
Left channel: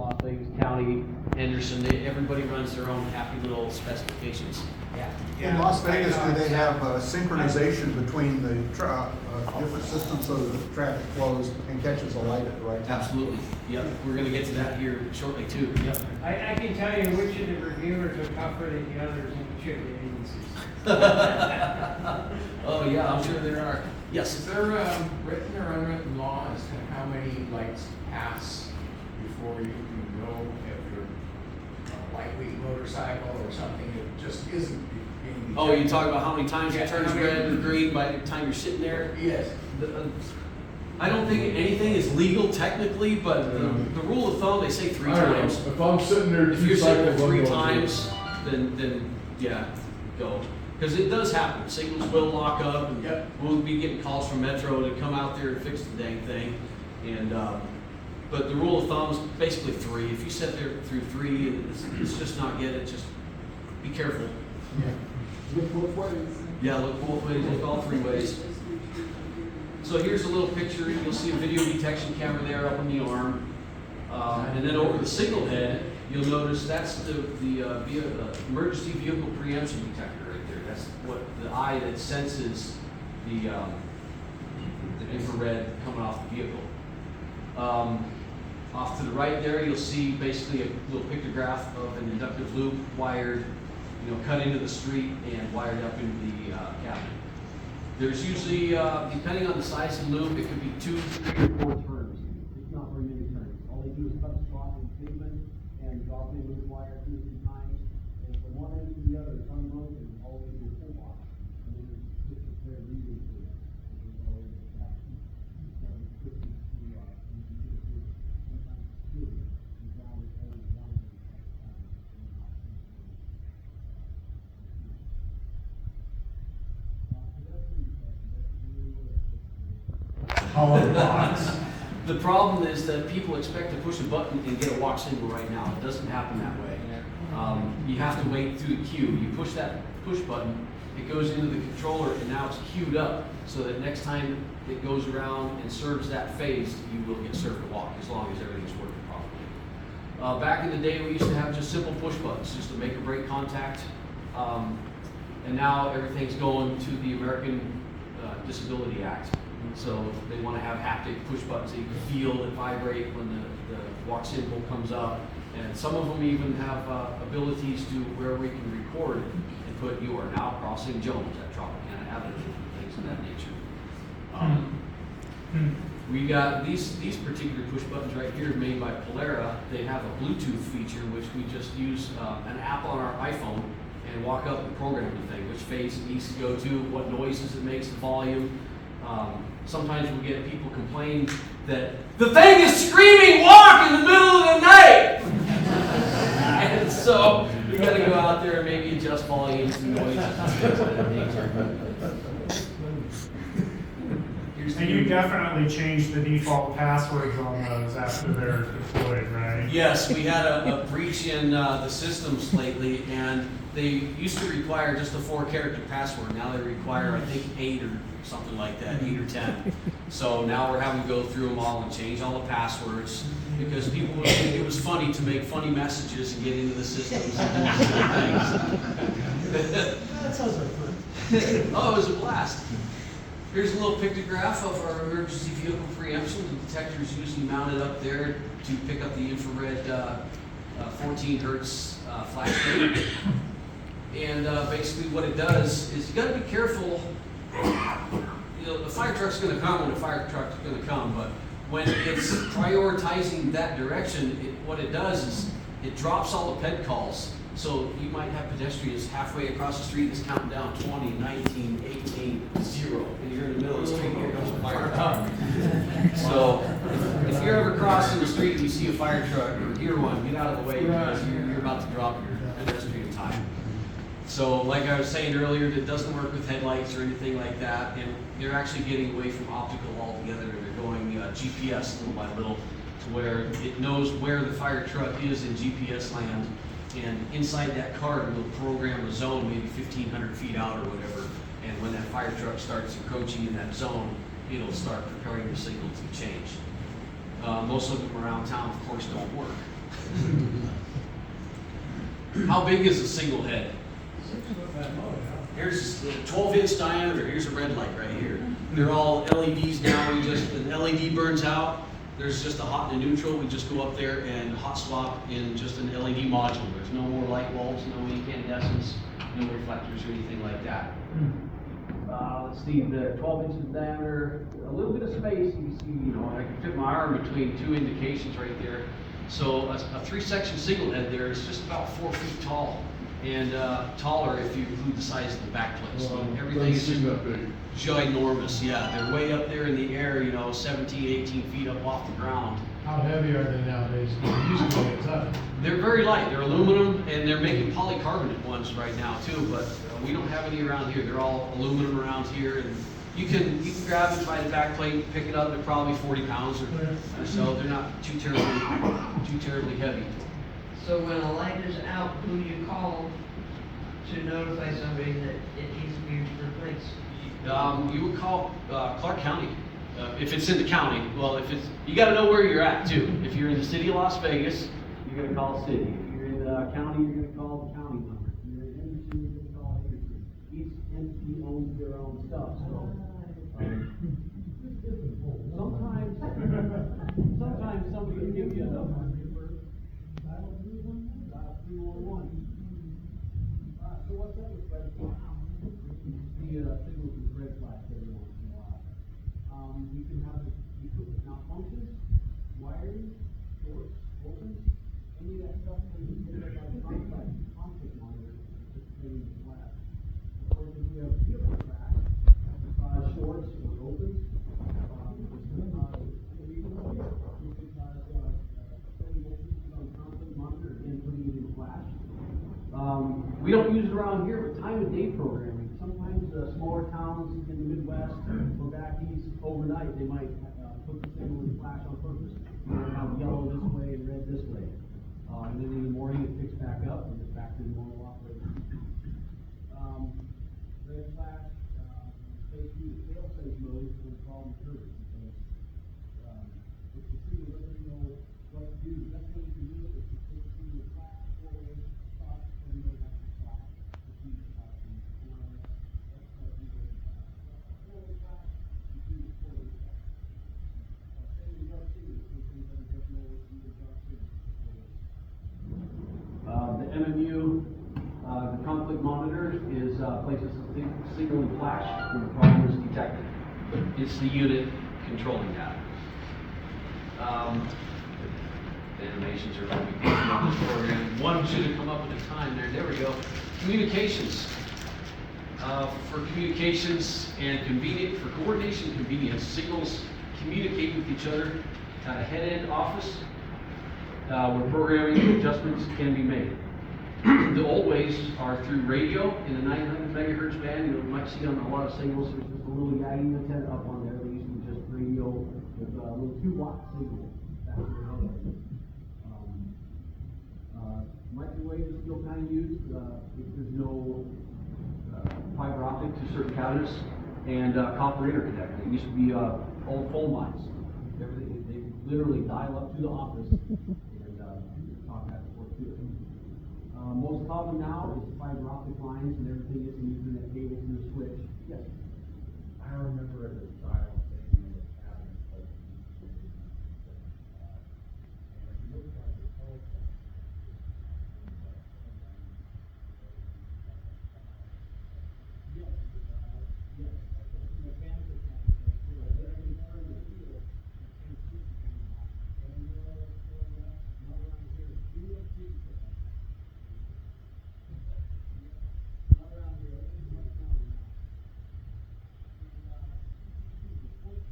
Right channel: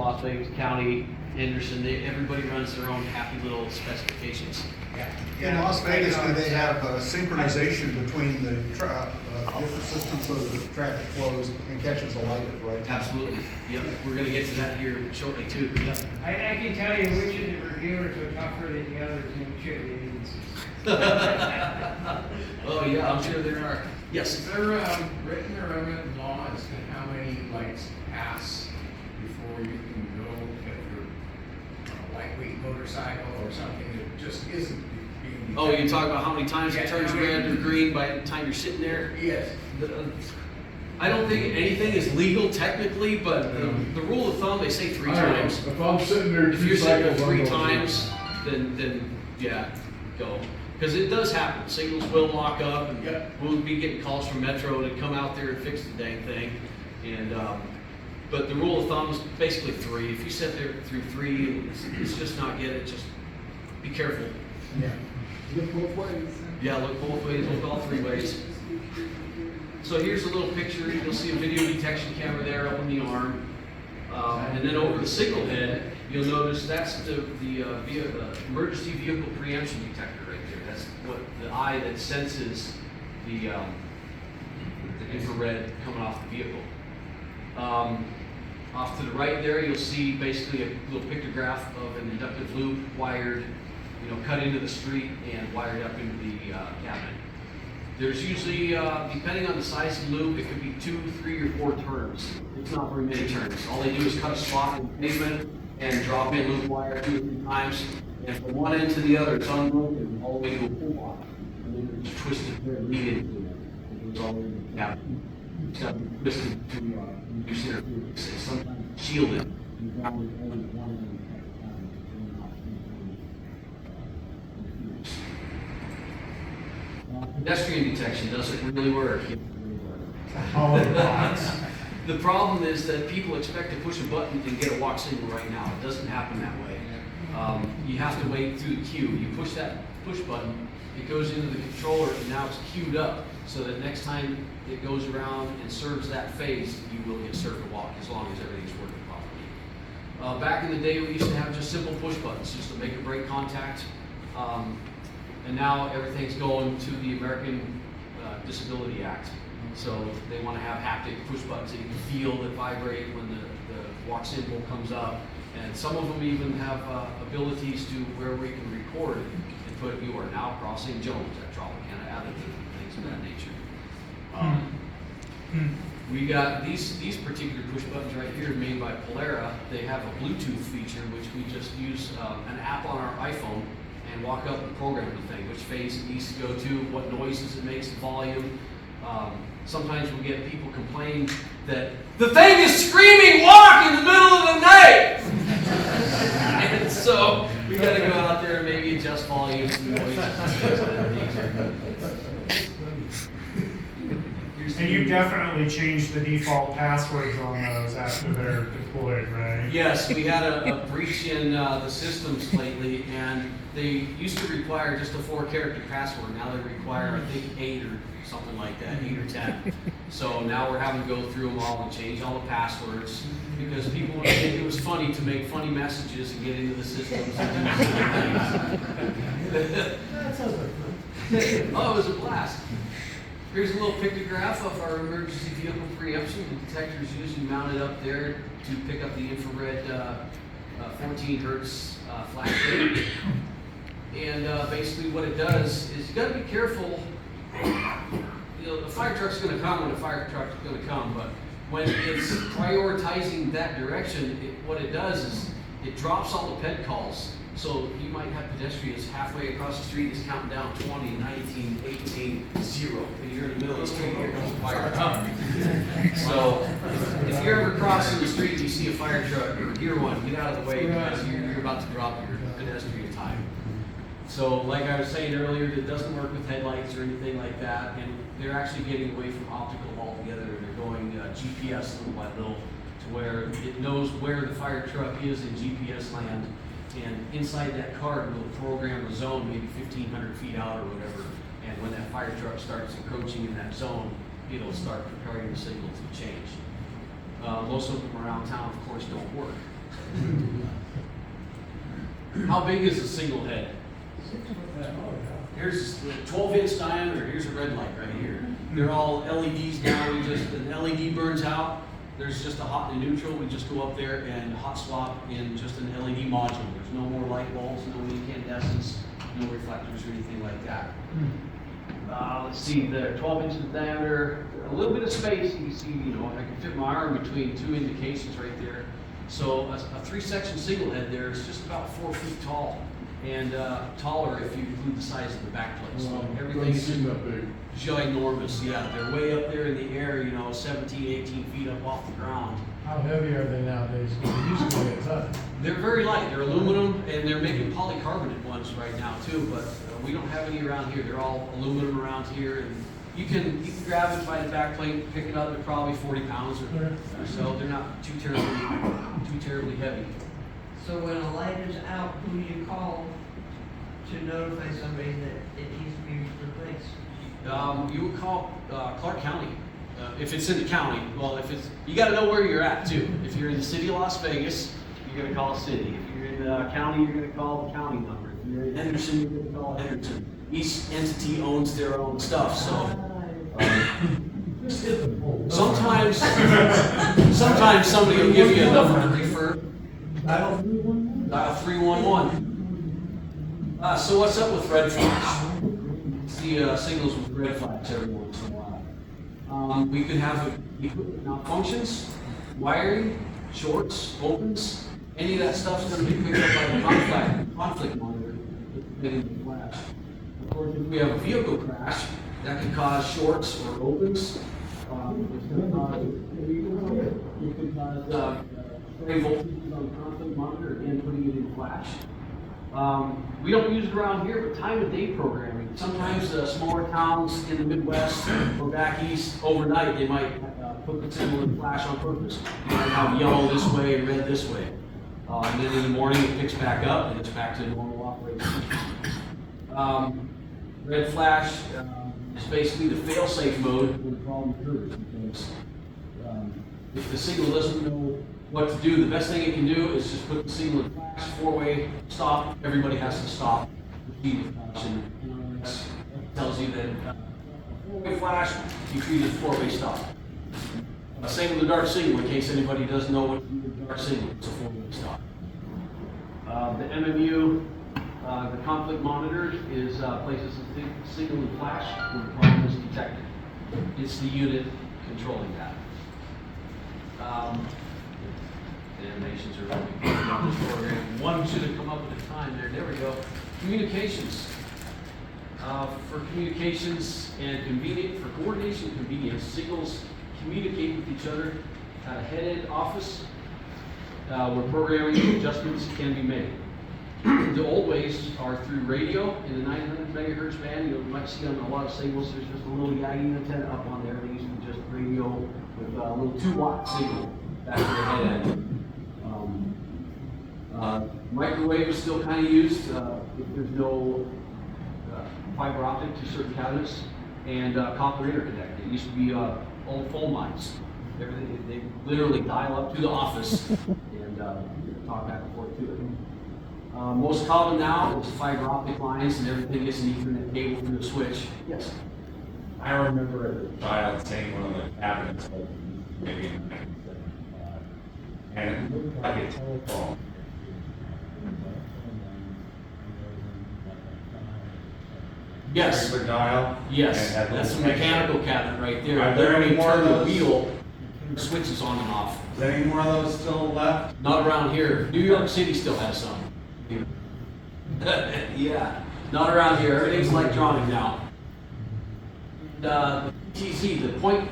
County, Henderson, everybody runs their own happy little specifications. In Las Vegas, do they have synchronization between the different systems so that the traffic flows and catches a light at the right time? Absolutely, yep, we're gonna get to that here shortly too. Yep. I can tell you which of the reviewers are tougher than the others in which of the agencies. Oh, yeah, I'm sure there are. Yes. Is there written or unwritten law as to how many lights pass before you can go if you're a lightweight motorcycle or something that just isn't being? Oh, you're talking about how many times it Yeah, turns how many- red or green by the time you're sitting there? Yes. I don't think anything is legal technically, but the rule of thumb, they say 3 times. If I'm sitting there If you're sitting there 3 times, then yeah, go. Because it does happen. Signals will lock up, and Yep. we'll be getting calls from Metro to come out there and fix the dang thing. And but the rule of thumb is basically 3. If you sit there through 3, and it's just not get it. Just be careful. Yeah. Look both ways. Yeah, look both ways. Look all 3 ways. So here's a little picture. You'll see a video detection camera there up on the arm. And then over the signal head, you'll notice that's the emergency vehicle preemption detector right there. That's what the eye that senses the infrared coming off the vehicle. Off to the right there, you'll see basically a little pictograph of an inductive loop wired, cut into the street and wired up into the cabinet. There's usually, depending on the size of the loop, it could be 2, 3, or 4 turns. It's not very many turns. All they do is cut a slot in the pavement and drop in loop wire 2 or 3 times. And from one end to the other, it's unbroken all the way to a pull lock. And then it's twisted there, lead into it. It goes all the way to the cabinet. It's got to be twisted to reduce interference. It's sometimes shielded. You ground it only one end at a time. Pedestrian detection doesn't really work. The problem is that people expect to push a button and get a walk signal right now. It doesn't happen that way. You have to wait through the queue. You push that push button, it goes into the controller, and now it's queued up so that next time it goes around and serves that phase, you will get served a walk as long as everything's working properly. Back in the day, we used to have just simple push buttons, just to make or break contact. And now everything's going to the American Disability Act. So they want to have haptic push buttons that you can feel that vibrate when the walk symbol comes up. And some of them even have abilities to where we can record and put "You are now crossing Jones" at Tropicana Avenue, things of that nature. We got these particular push buttons right here made by Polera. They have a Bluetooth feature, which we just use an app on our iPhone and walk up and program the thing, which phase it needs to go to, what noises it makes, the volume. Sometimes we get people complaining that the thing is screaming "walk" in the middle of the night. And so we got to go out there and maybe adjust volumes and noises and things of that nature. And you definitely changed the default passwords on those after they're deployed, right? Yes, we had a breach in the systems lately, and they used to require just a 4-character password. Now they require, I think, 8 or something like that, 8 or 10. So now we're having to go through them all and change all the passwords because people would think it was funny to make funny messages and get into the systems and do things. That sounds like fun. Oh, it was a blast. Here's a little pictograph of our emergency vehicle preemption. The detector is usually mounted up there to pick up the infrared 14 hertz flash rate. And basically what it does is you got to be careful. You know, the fire truck's going to come when the fire truck's going to come, but when it's prioritizing that direction, what it does is it drops all the ped calls. So you might have pedestrians halfway across the street that's counting down 20, 19, 18, 0. And you're in the middle of the street, here comes a fire truck. So if you're ever crossing the street and you see a fire truck or hear one, get out of the way because you're about to drop your pedestrian time. So like I was saying earlier, it doesn't work with headlights or anything like that. And they're actually getting away from optical altogether. They're going GPS little by little to where it knows where the fire truck is in GPS land. And inside that card, we'll program a zone maybe 1,500 feet out or whatever. And when that fire truck starts encroaching in that zone, it'll start preparing the signal to change. Most of them around town, of course, don't work. How big is a single head? Here's the 12-inch diameter. Here's a red light right here. They're all LEDs now. An LED burns out. There's just a hot and a neutral. We just go up there and hot swap in just an LED module. There's no more light bulbs, no incandescents, no reflectors or anything like that. Let's see, the 12 inches in diameter, a little bit of space. You can see, you know, I can fit my arm between 2 indications right there. So a 3-section single head there is just about 4 feet tall and taller if you include the size of the back plate. So everything is ginormous. Yeah, they're way up there in the air, you know, 17, 18 feet up off the ground. How heavy are they nowadays? Because they used to weigh a ton. They're very light. They're aluminum, and they're making polycarbonate ones right now too. But we don't have any around here. They're all aluminum around here, and you can grab it by the back plate, pick it up. They're probably 40 pounds or so. They're not too terribly heavy. So when a light is out, who do you call to notify somebody that it needs to be replaced? You would call Clark County. If it's in the county, well, if it's, you got to know where you're at too. If you're in the city of Las Vegas, you're going to call city. If you're in the county, you're going to call the county number. If you're in Henderson, you're going to call Henderson. Each entity owns their own stuff, so. Sometimes somebody will give you a number to refer. Dial 311. So what's up with red flash? See signals with red flash every once in a while. We could have equipment malfunctions, wiring, shorts, opens. Any of that stuff's going to be picked up by the conflict monitor. Flash. Of course, if we have a vehicle crash, that could cause shorts or opens. It could cause stray voltages on the conflict monitor, again putting it in flash. We don't use it around here, but time of day programming. Sometimes smaller towns in the Midwest or back east, overnight, they might put the symbol in flash on purpose. You might have yellow this way and red this way. And then in the morning it picks back up and it's back to normal operation. Red flash is basically the fail-safe mode when the problem occurs. Because if the signal doesn't know what to do. The best thing it can do is just put the signal in flash, four-way stop. Everybody has to stop. And tells you that four-way flash, you treat it as four-way stop. Same with the dark signal, in case anybody doesn't know what the dark signal is, it's a four-way stop. The MMU, the conflict monitor is places a signal in flash when the problem is detected. It's the unit controlling that. The animations are going to be on this program. One should have come up with a time there. There we go. Communications. For communications and for coordination and convenience, signals communicate with each other at a head-end office where programming adjustments can be made. The old ways are through radio in the 900 megahertz band. You might see on a lot of signals, there's just a little yagging antenna up on there. They used to just radio with a little 2-watt signal back to the head end. Microwave is still kind of used if there's no fiber optic to certain cabinets, and copper interconnect. It used to be old phone lines. They literally dial up to the office and talk back and forth to it. Most common now is fiber optic lines, and everything gets an Ethernet cable through the switch. Yes. I remember as a child seeing one of the cabinets, maybe in 1975, and it looked like a telephone. Yes. Regular dial. Yes, and that's a little mechanical cabinet right there. Are there any more of turn the those? wheel, turn the switches on and off. Is there any more of those still left? Not around here. New York City still has some. Yeah, not around here. Everything's electronic now. The PTZ, the point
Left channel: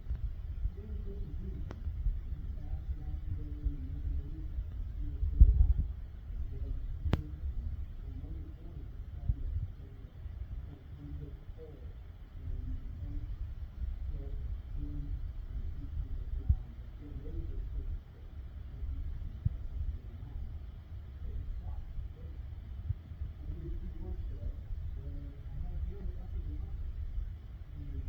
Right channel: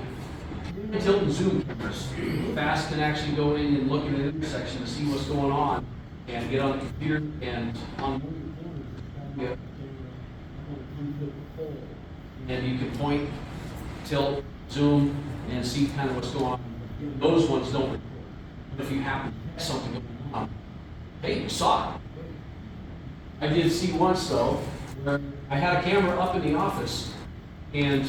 tilt and zoom cameras. Fast can actually go in and look at an intersection to see what's going on and get on the computer and on. And you can point, tilt, zoom, and see kind of what's going on. Those ones don't record. But if you happen to catch something going on, hey, you saw it. I did see once though, where I had a camera up in the office and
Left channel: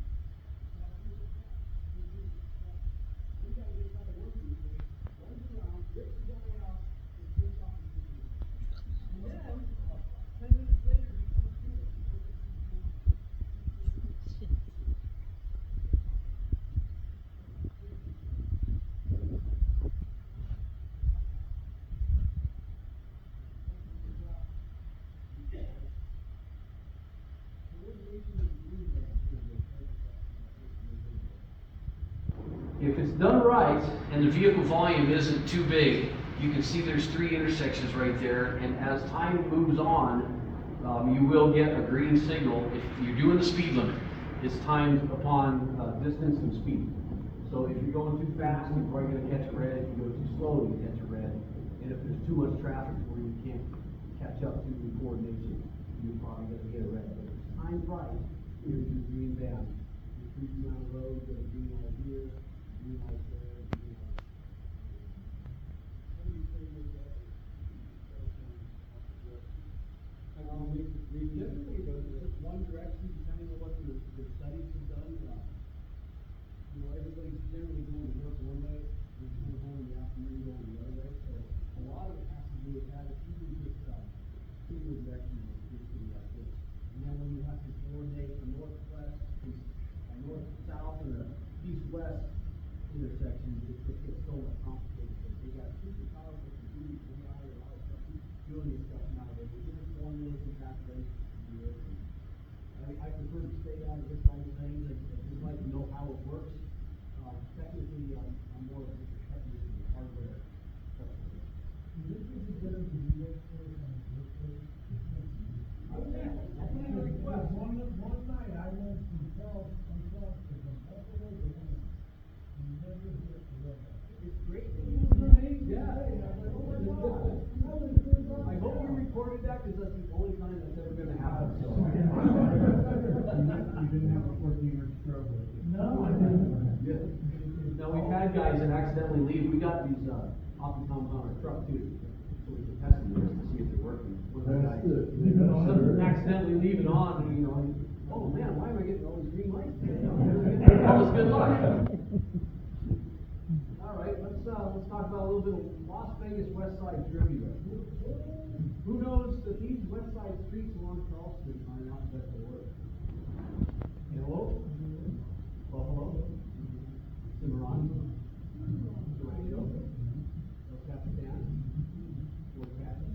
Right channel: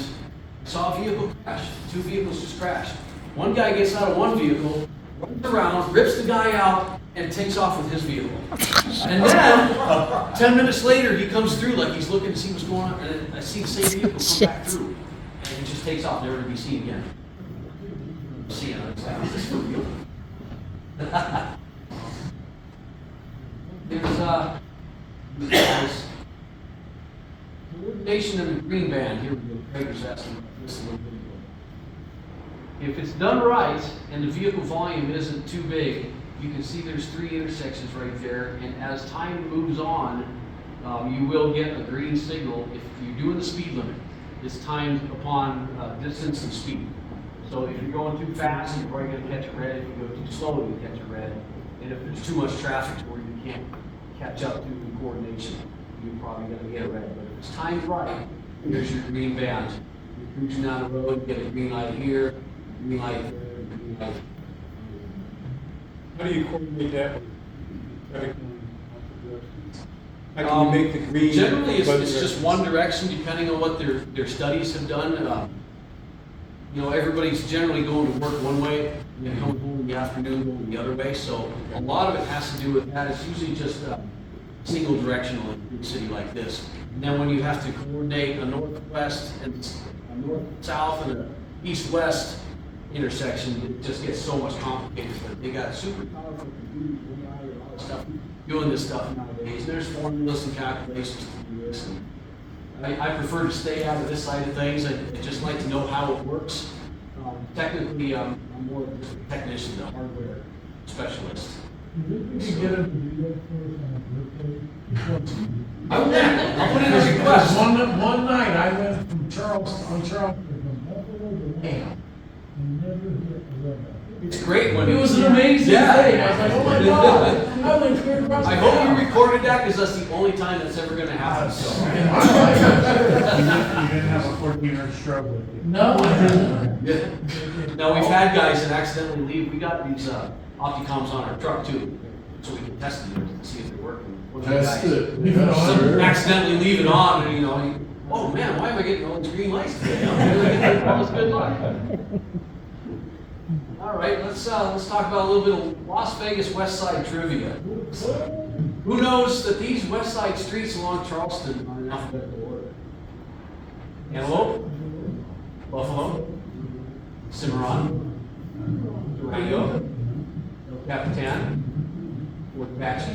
saw a vehicle crash. 2 vehicles just crashed. One guy gets out of one vehicle, runs around, rips the guy out, and takes off with his vehicle. And then, 10 minutes later, he comes through like he's looking to see what's going on, and I see the same vehicle come back through. And he just takes off, never to be seen again. See it, it's like, is this for real? There's coordination in the green band. Here we go. Craig was asking about this a little bit ago. If it's done right and the vehicle volume isn't too big, you can see there's 3 intersections right there, and as time moves on, you will get a green signal if you're doing the speed limit. It's timed upon distance and speed. So if you're going too fast, you're probably going to catch a red. If you go too slow, you catch a red. And if there's too much traffic to where you can't catch up to the coordination, you're probably going to get a red. But if it's timed right, here's your green band. You're cruising down the road, you get a green light here, green light there, green light. How do you coordinate that with traffic? How can you make the green? Generally, it's just one direction, depending on what their studies have done. You know, everybody's generally going to work one way, and then coming home in the afternoon going the other way. So a lot of it has to do with that. It's usually just single directional in a city like this. And then when you have to coordinate a northwest and a north-south and a east-west intersection, it just gets so much complicated. But they got super powerful computers, AI, and all that stuff doing this stuff nowadays. There's formulas and calculations to do this. And I prefer to stay out of this side of things. I just like to know how it works. Technically, I'm more of a technician, a hardware specialist. I'll put in a request. One night I went from Charleston to Bam. It's great when It was an amazing Yeah. thing. I was like, oh my God. I went clear across I the hope town. you recorded that because that's the only time that's ever going to happen. So. You didn't have a 14-hour stroke with you. No, I didn't. Yeah. Now we've had guys that accidentally leave. We got these Opticoms on our truck too, so we can test them to see if they're working. One of the That's guys it. Leave it on. some accidentally leave it on, and you know, oh man, why am I getting all these green lights today? I'm really getting all this good luck. All All right, let's talk about a little bit of Las Vegas West Side trivia. Who knows that these West Side streets along Charleston are in alphabetical order? Antelope, Buffalo, Cimarron, Durango, El Capitan, Fort Apache,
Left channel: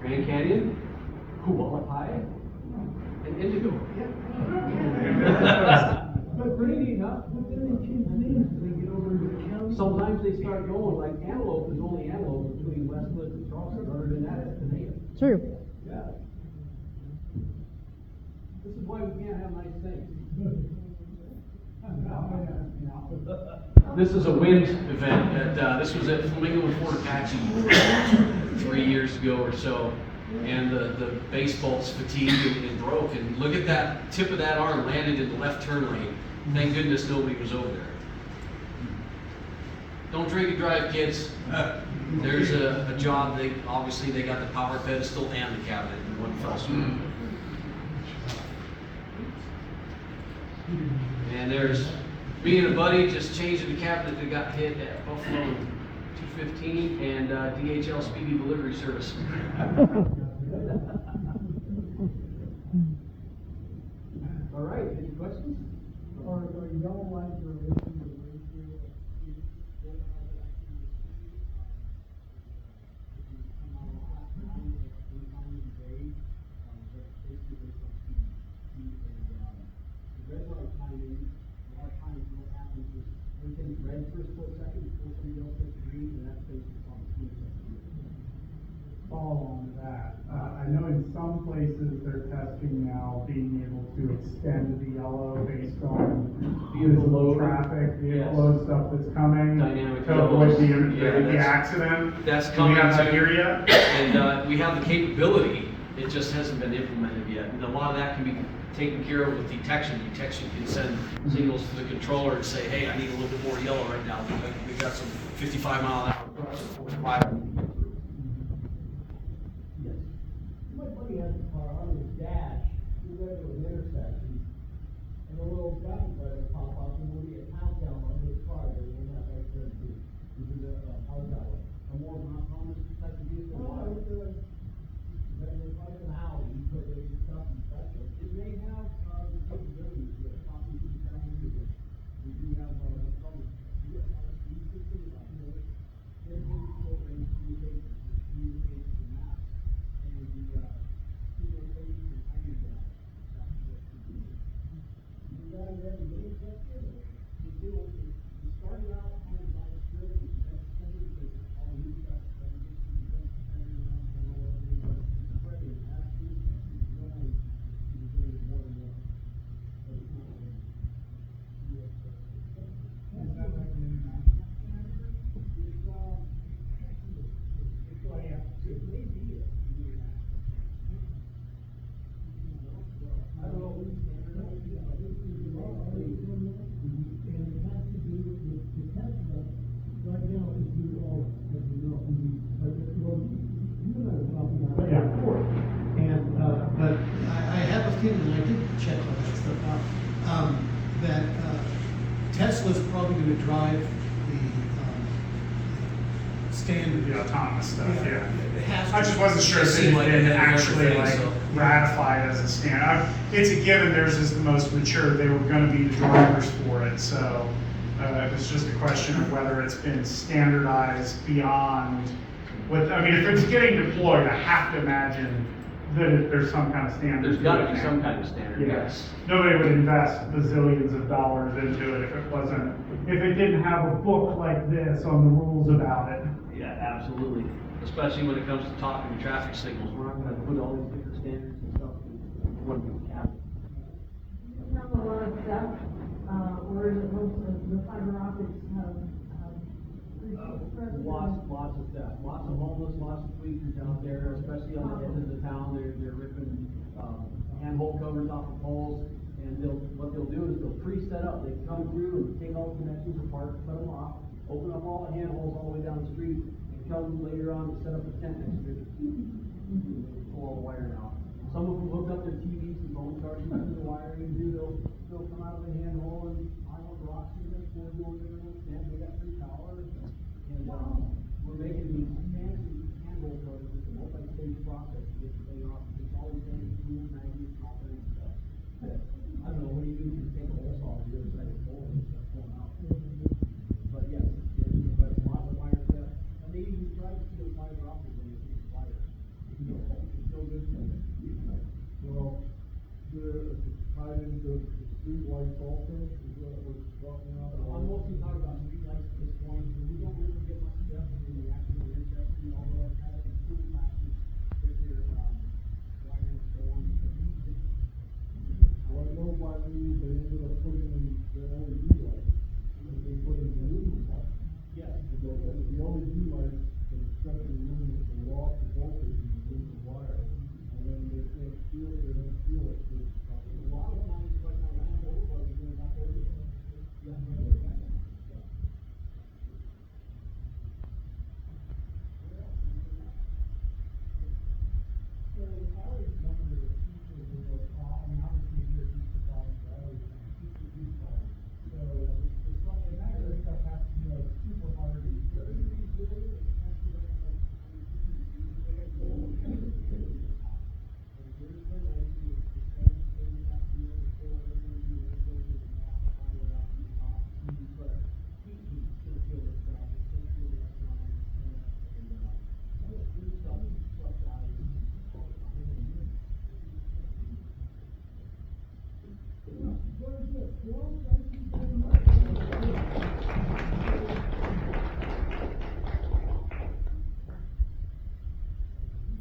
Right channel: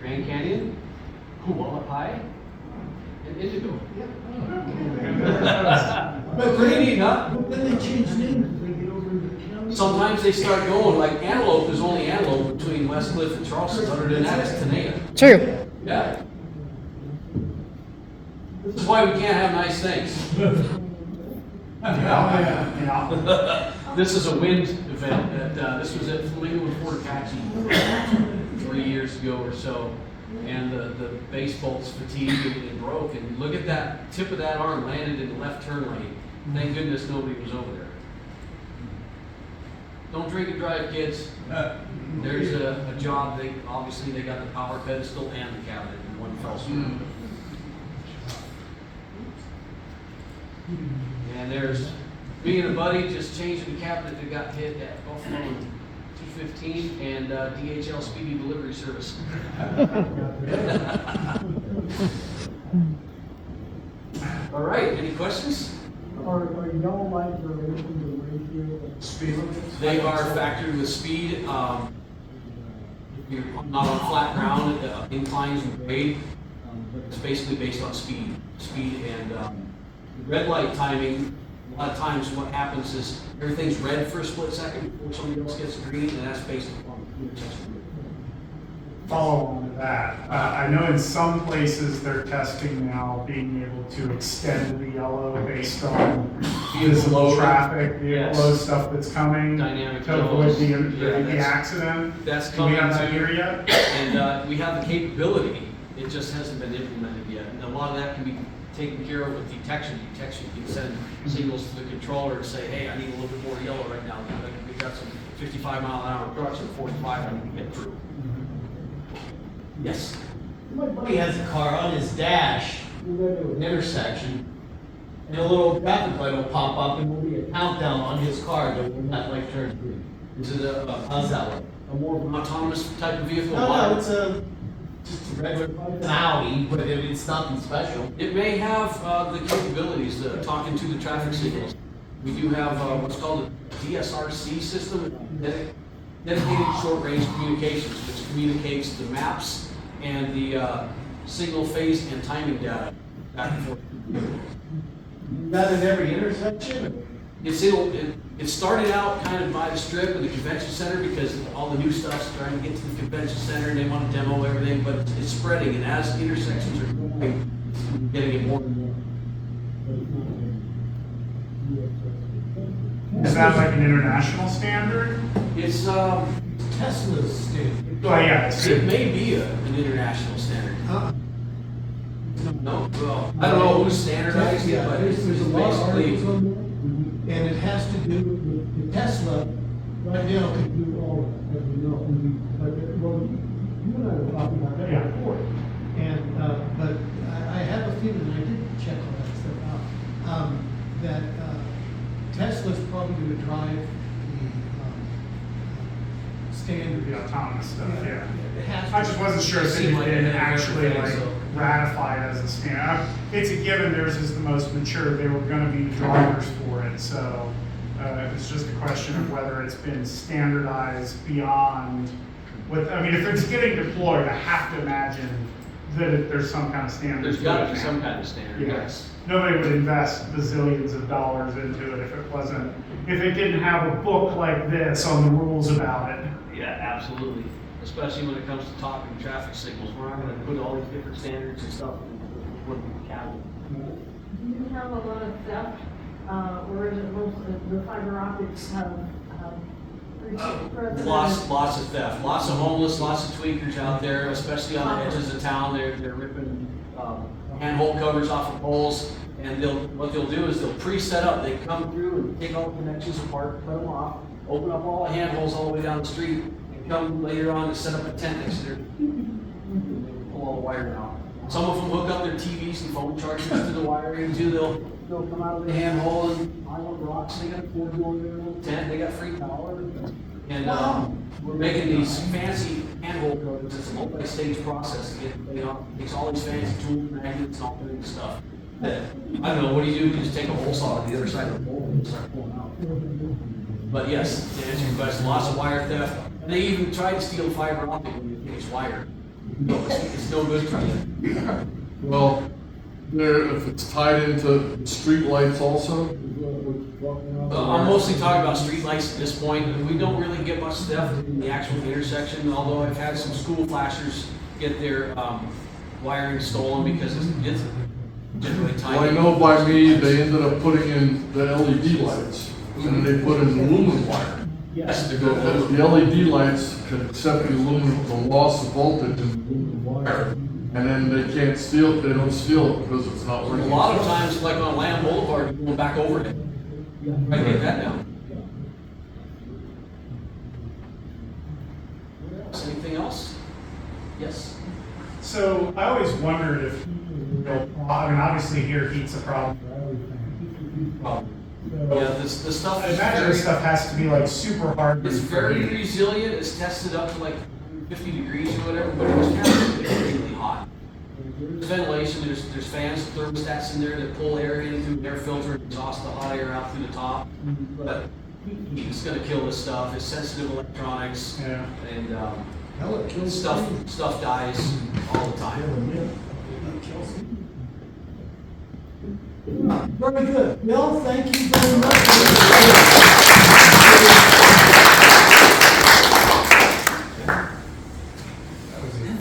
Grand Canyon, Hualapai, and Indigo. But pretty neat, huh? Then they change names as they get over into the county. Sometimes they start going, like Antelope is only Antelope between West Cliff and Charleston, other than that, it's Tenaya. True. Yeah. This is why we can't have nice things. This is a wind event that, this was at Flamingo and Fort Apache 3 years ago or so. And the base bolts fatigued and broke, and look at that tip of that arm landed in the left turn lane. Thank goodness nobody was over there. Don't drink and drive, kids. There's a job, obviously they got the power pedestal and the cabinet in one fell swoop. And there's me and a buddy just changing the cabinet that got hit at Buffalo in 215 and DHL Speedy Delivery Service. All right, any questions? Are yellow lights related to the ratio of Speed limits? They are factored with speed. If you're not on flat ground, inclines and grade, but it's basically based on speed. And red light timing, a lot of times what happens is everything's red for a split second before somebody else gets green, and that's based upon the intersection. Follow on to that. I know in some places they're testing now being able to extend the yellow based on visible traffic, vehicle load stuff that's coming. Dynamic to avoid yellows. the accident. That's Do coming we have that too. here yet? And we have the capability, it just hasn't been implemented yet. And a lot of that can be taken care of with detection. Detection can send signals to the controller and say, hey, I need a little bit more yellow right now. We've got some 55-mile-an-hour trucks and 45 I need to get through. Yes. My buddy has a car on his dash, we go to an intersection, and a little traffic light will pop up and there'll be a countdown on his car to when that light turns green. Is it How's that look? a more of an autonomous type of vehicle? No, it's just a regular, it's an Audi, but it's nothing special. It may have the capabilities of talking to the traffic signals. We do have what's called a DSRC system, dedicated short-range communications, which communicates the maps and the signal phase and timing data back and forth. That in every intersection? It started out kind of by the strip of the convention center because all the new stuff's trying to get to the convention center and they want to demo everything, but it's spreading, and as intersections are growing, it's getting it more and more. Is that like an international standard? It's Tesla's standard. Well, yeah, it's it may be an international standard. No, well, I don't know who's standardized it, but it's There's a lot of basically. articles on there, and it has to do with the Tesla, right now can do all of it, as we know. But, well, you and I were talking about that Yeah. before. And, but I have a feeling, and I did check all that stuff out, that Tesla's probably gonna drive the standard. The autonomous stuff, yeah. It has to. I just wasn't sure if it had been actually like ratified as a standard. It's a given theirs is the most mature, they were gonna be the drivers for it, so it's just a question of whether it's been standardized beyond what, I mean, if it's getting deployed, I have to imagine that there's some kind of standard. There's to gotta it. be some kind of standard, Yeah. yes. Nobody would invest bazillions of dollars into it if it didn't have a book like this on the rules about it. Yeah, absolutely. Especially when it comes to talking to traffic signals. We're not gonna put all these different standards and stuff in one cabinet. Do you have a lot of theft, or is it most of the fiber optics have, Lots of theft, lots of homeless, lots of tweakers out there, especially on the edges of town. They're ripping handhold covers off of poles, and what they'll do is they'll pre-set up. They come through and take all the connections apart, cut them off, open up all the handholds all the way down the street, and come later on to set up a tent next to their pull all the wiring out. Some of them hook up their TVs and phone chargers to the wiring too. They'll come out of the handhole and pile up rocks. They got a cord going in their little tent. They got free power. And we're making these fancy handhole codes. It's a multi-stage process to get the thing off. It takes all these fancy tools, magnets, and all kinds of stuff. That, I don't know, what do? You just take a hole saw to the other side of the pole and start pulling out. But yes, to answer your question, lots of wire theft. And they even try to steal fiber optic when you think it's wired. No, it's no good for you. Well, there, if it's tied into street lights also? I'm mostly talking about street lights at this point. We don't really get much theft in the actual intersection, although I've had some school flashers get their wiring stolen because it's generally tied. Well, I know by me, they ended up putting in the LED lights, and then they put in the lumen wire. Yes, The LED lights can accept the loss of voltage in the lumen wire, and then they can't steal, they don't steal it because it's not a working. lot of times, like on Lamb Boulevard, you're going back over it. Try to get that down. Anything else? Yes. So I always wondered if, I mean, obviously here heat's a problem for everything. Yeah, the stuff I is imagine very, this stuff has to be like super hard. it's very resilient. It's tested up to like 50 degrees or whatever, but it's kind of extremely hot. There's ventilation, there's fans, thermostats in there that pull air in through the air filter and exhaust the hot air out through the top. But it's gonna kill this stuff. It's sensitive electronics. Yeah. And stuff dies all the time. Very good. Bill, thank you very much.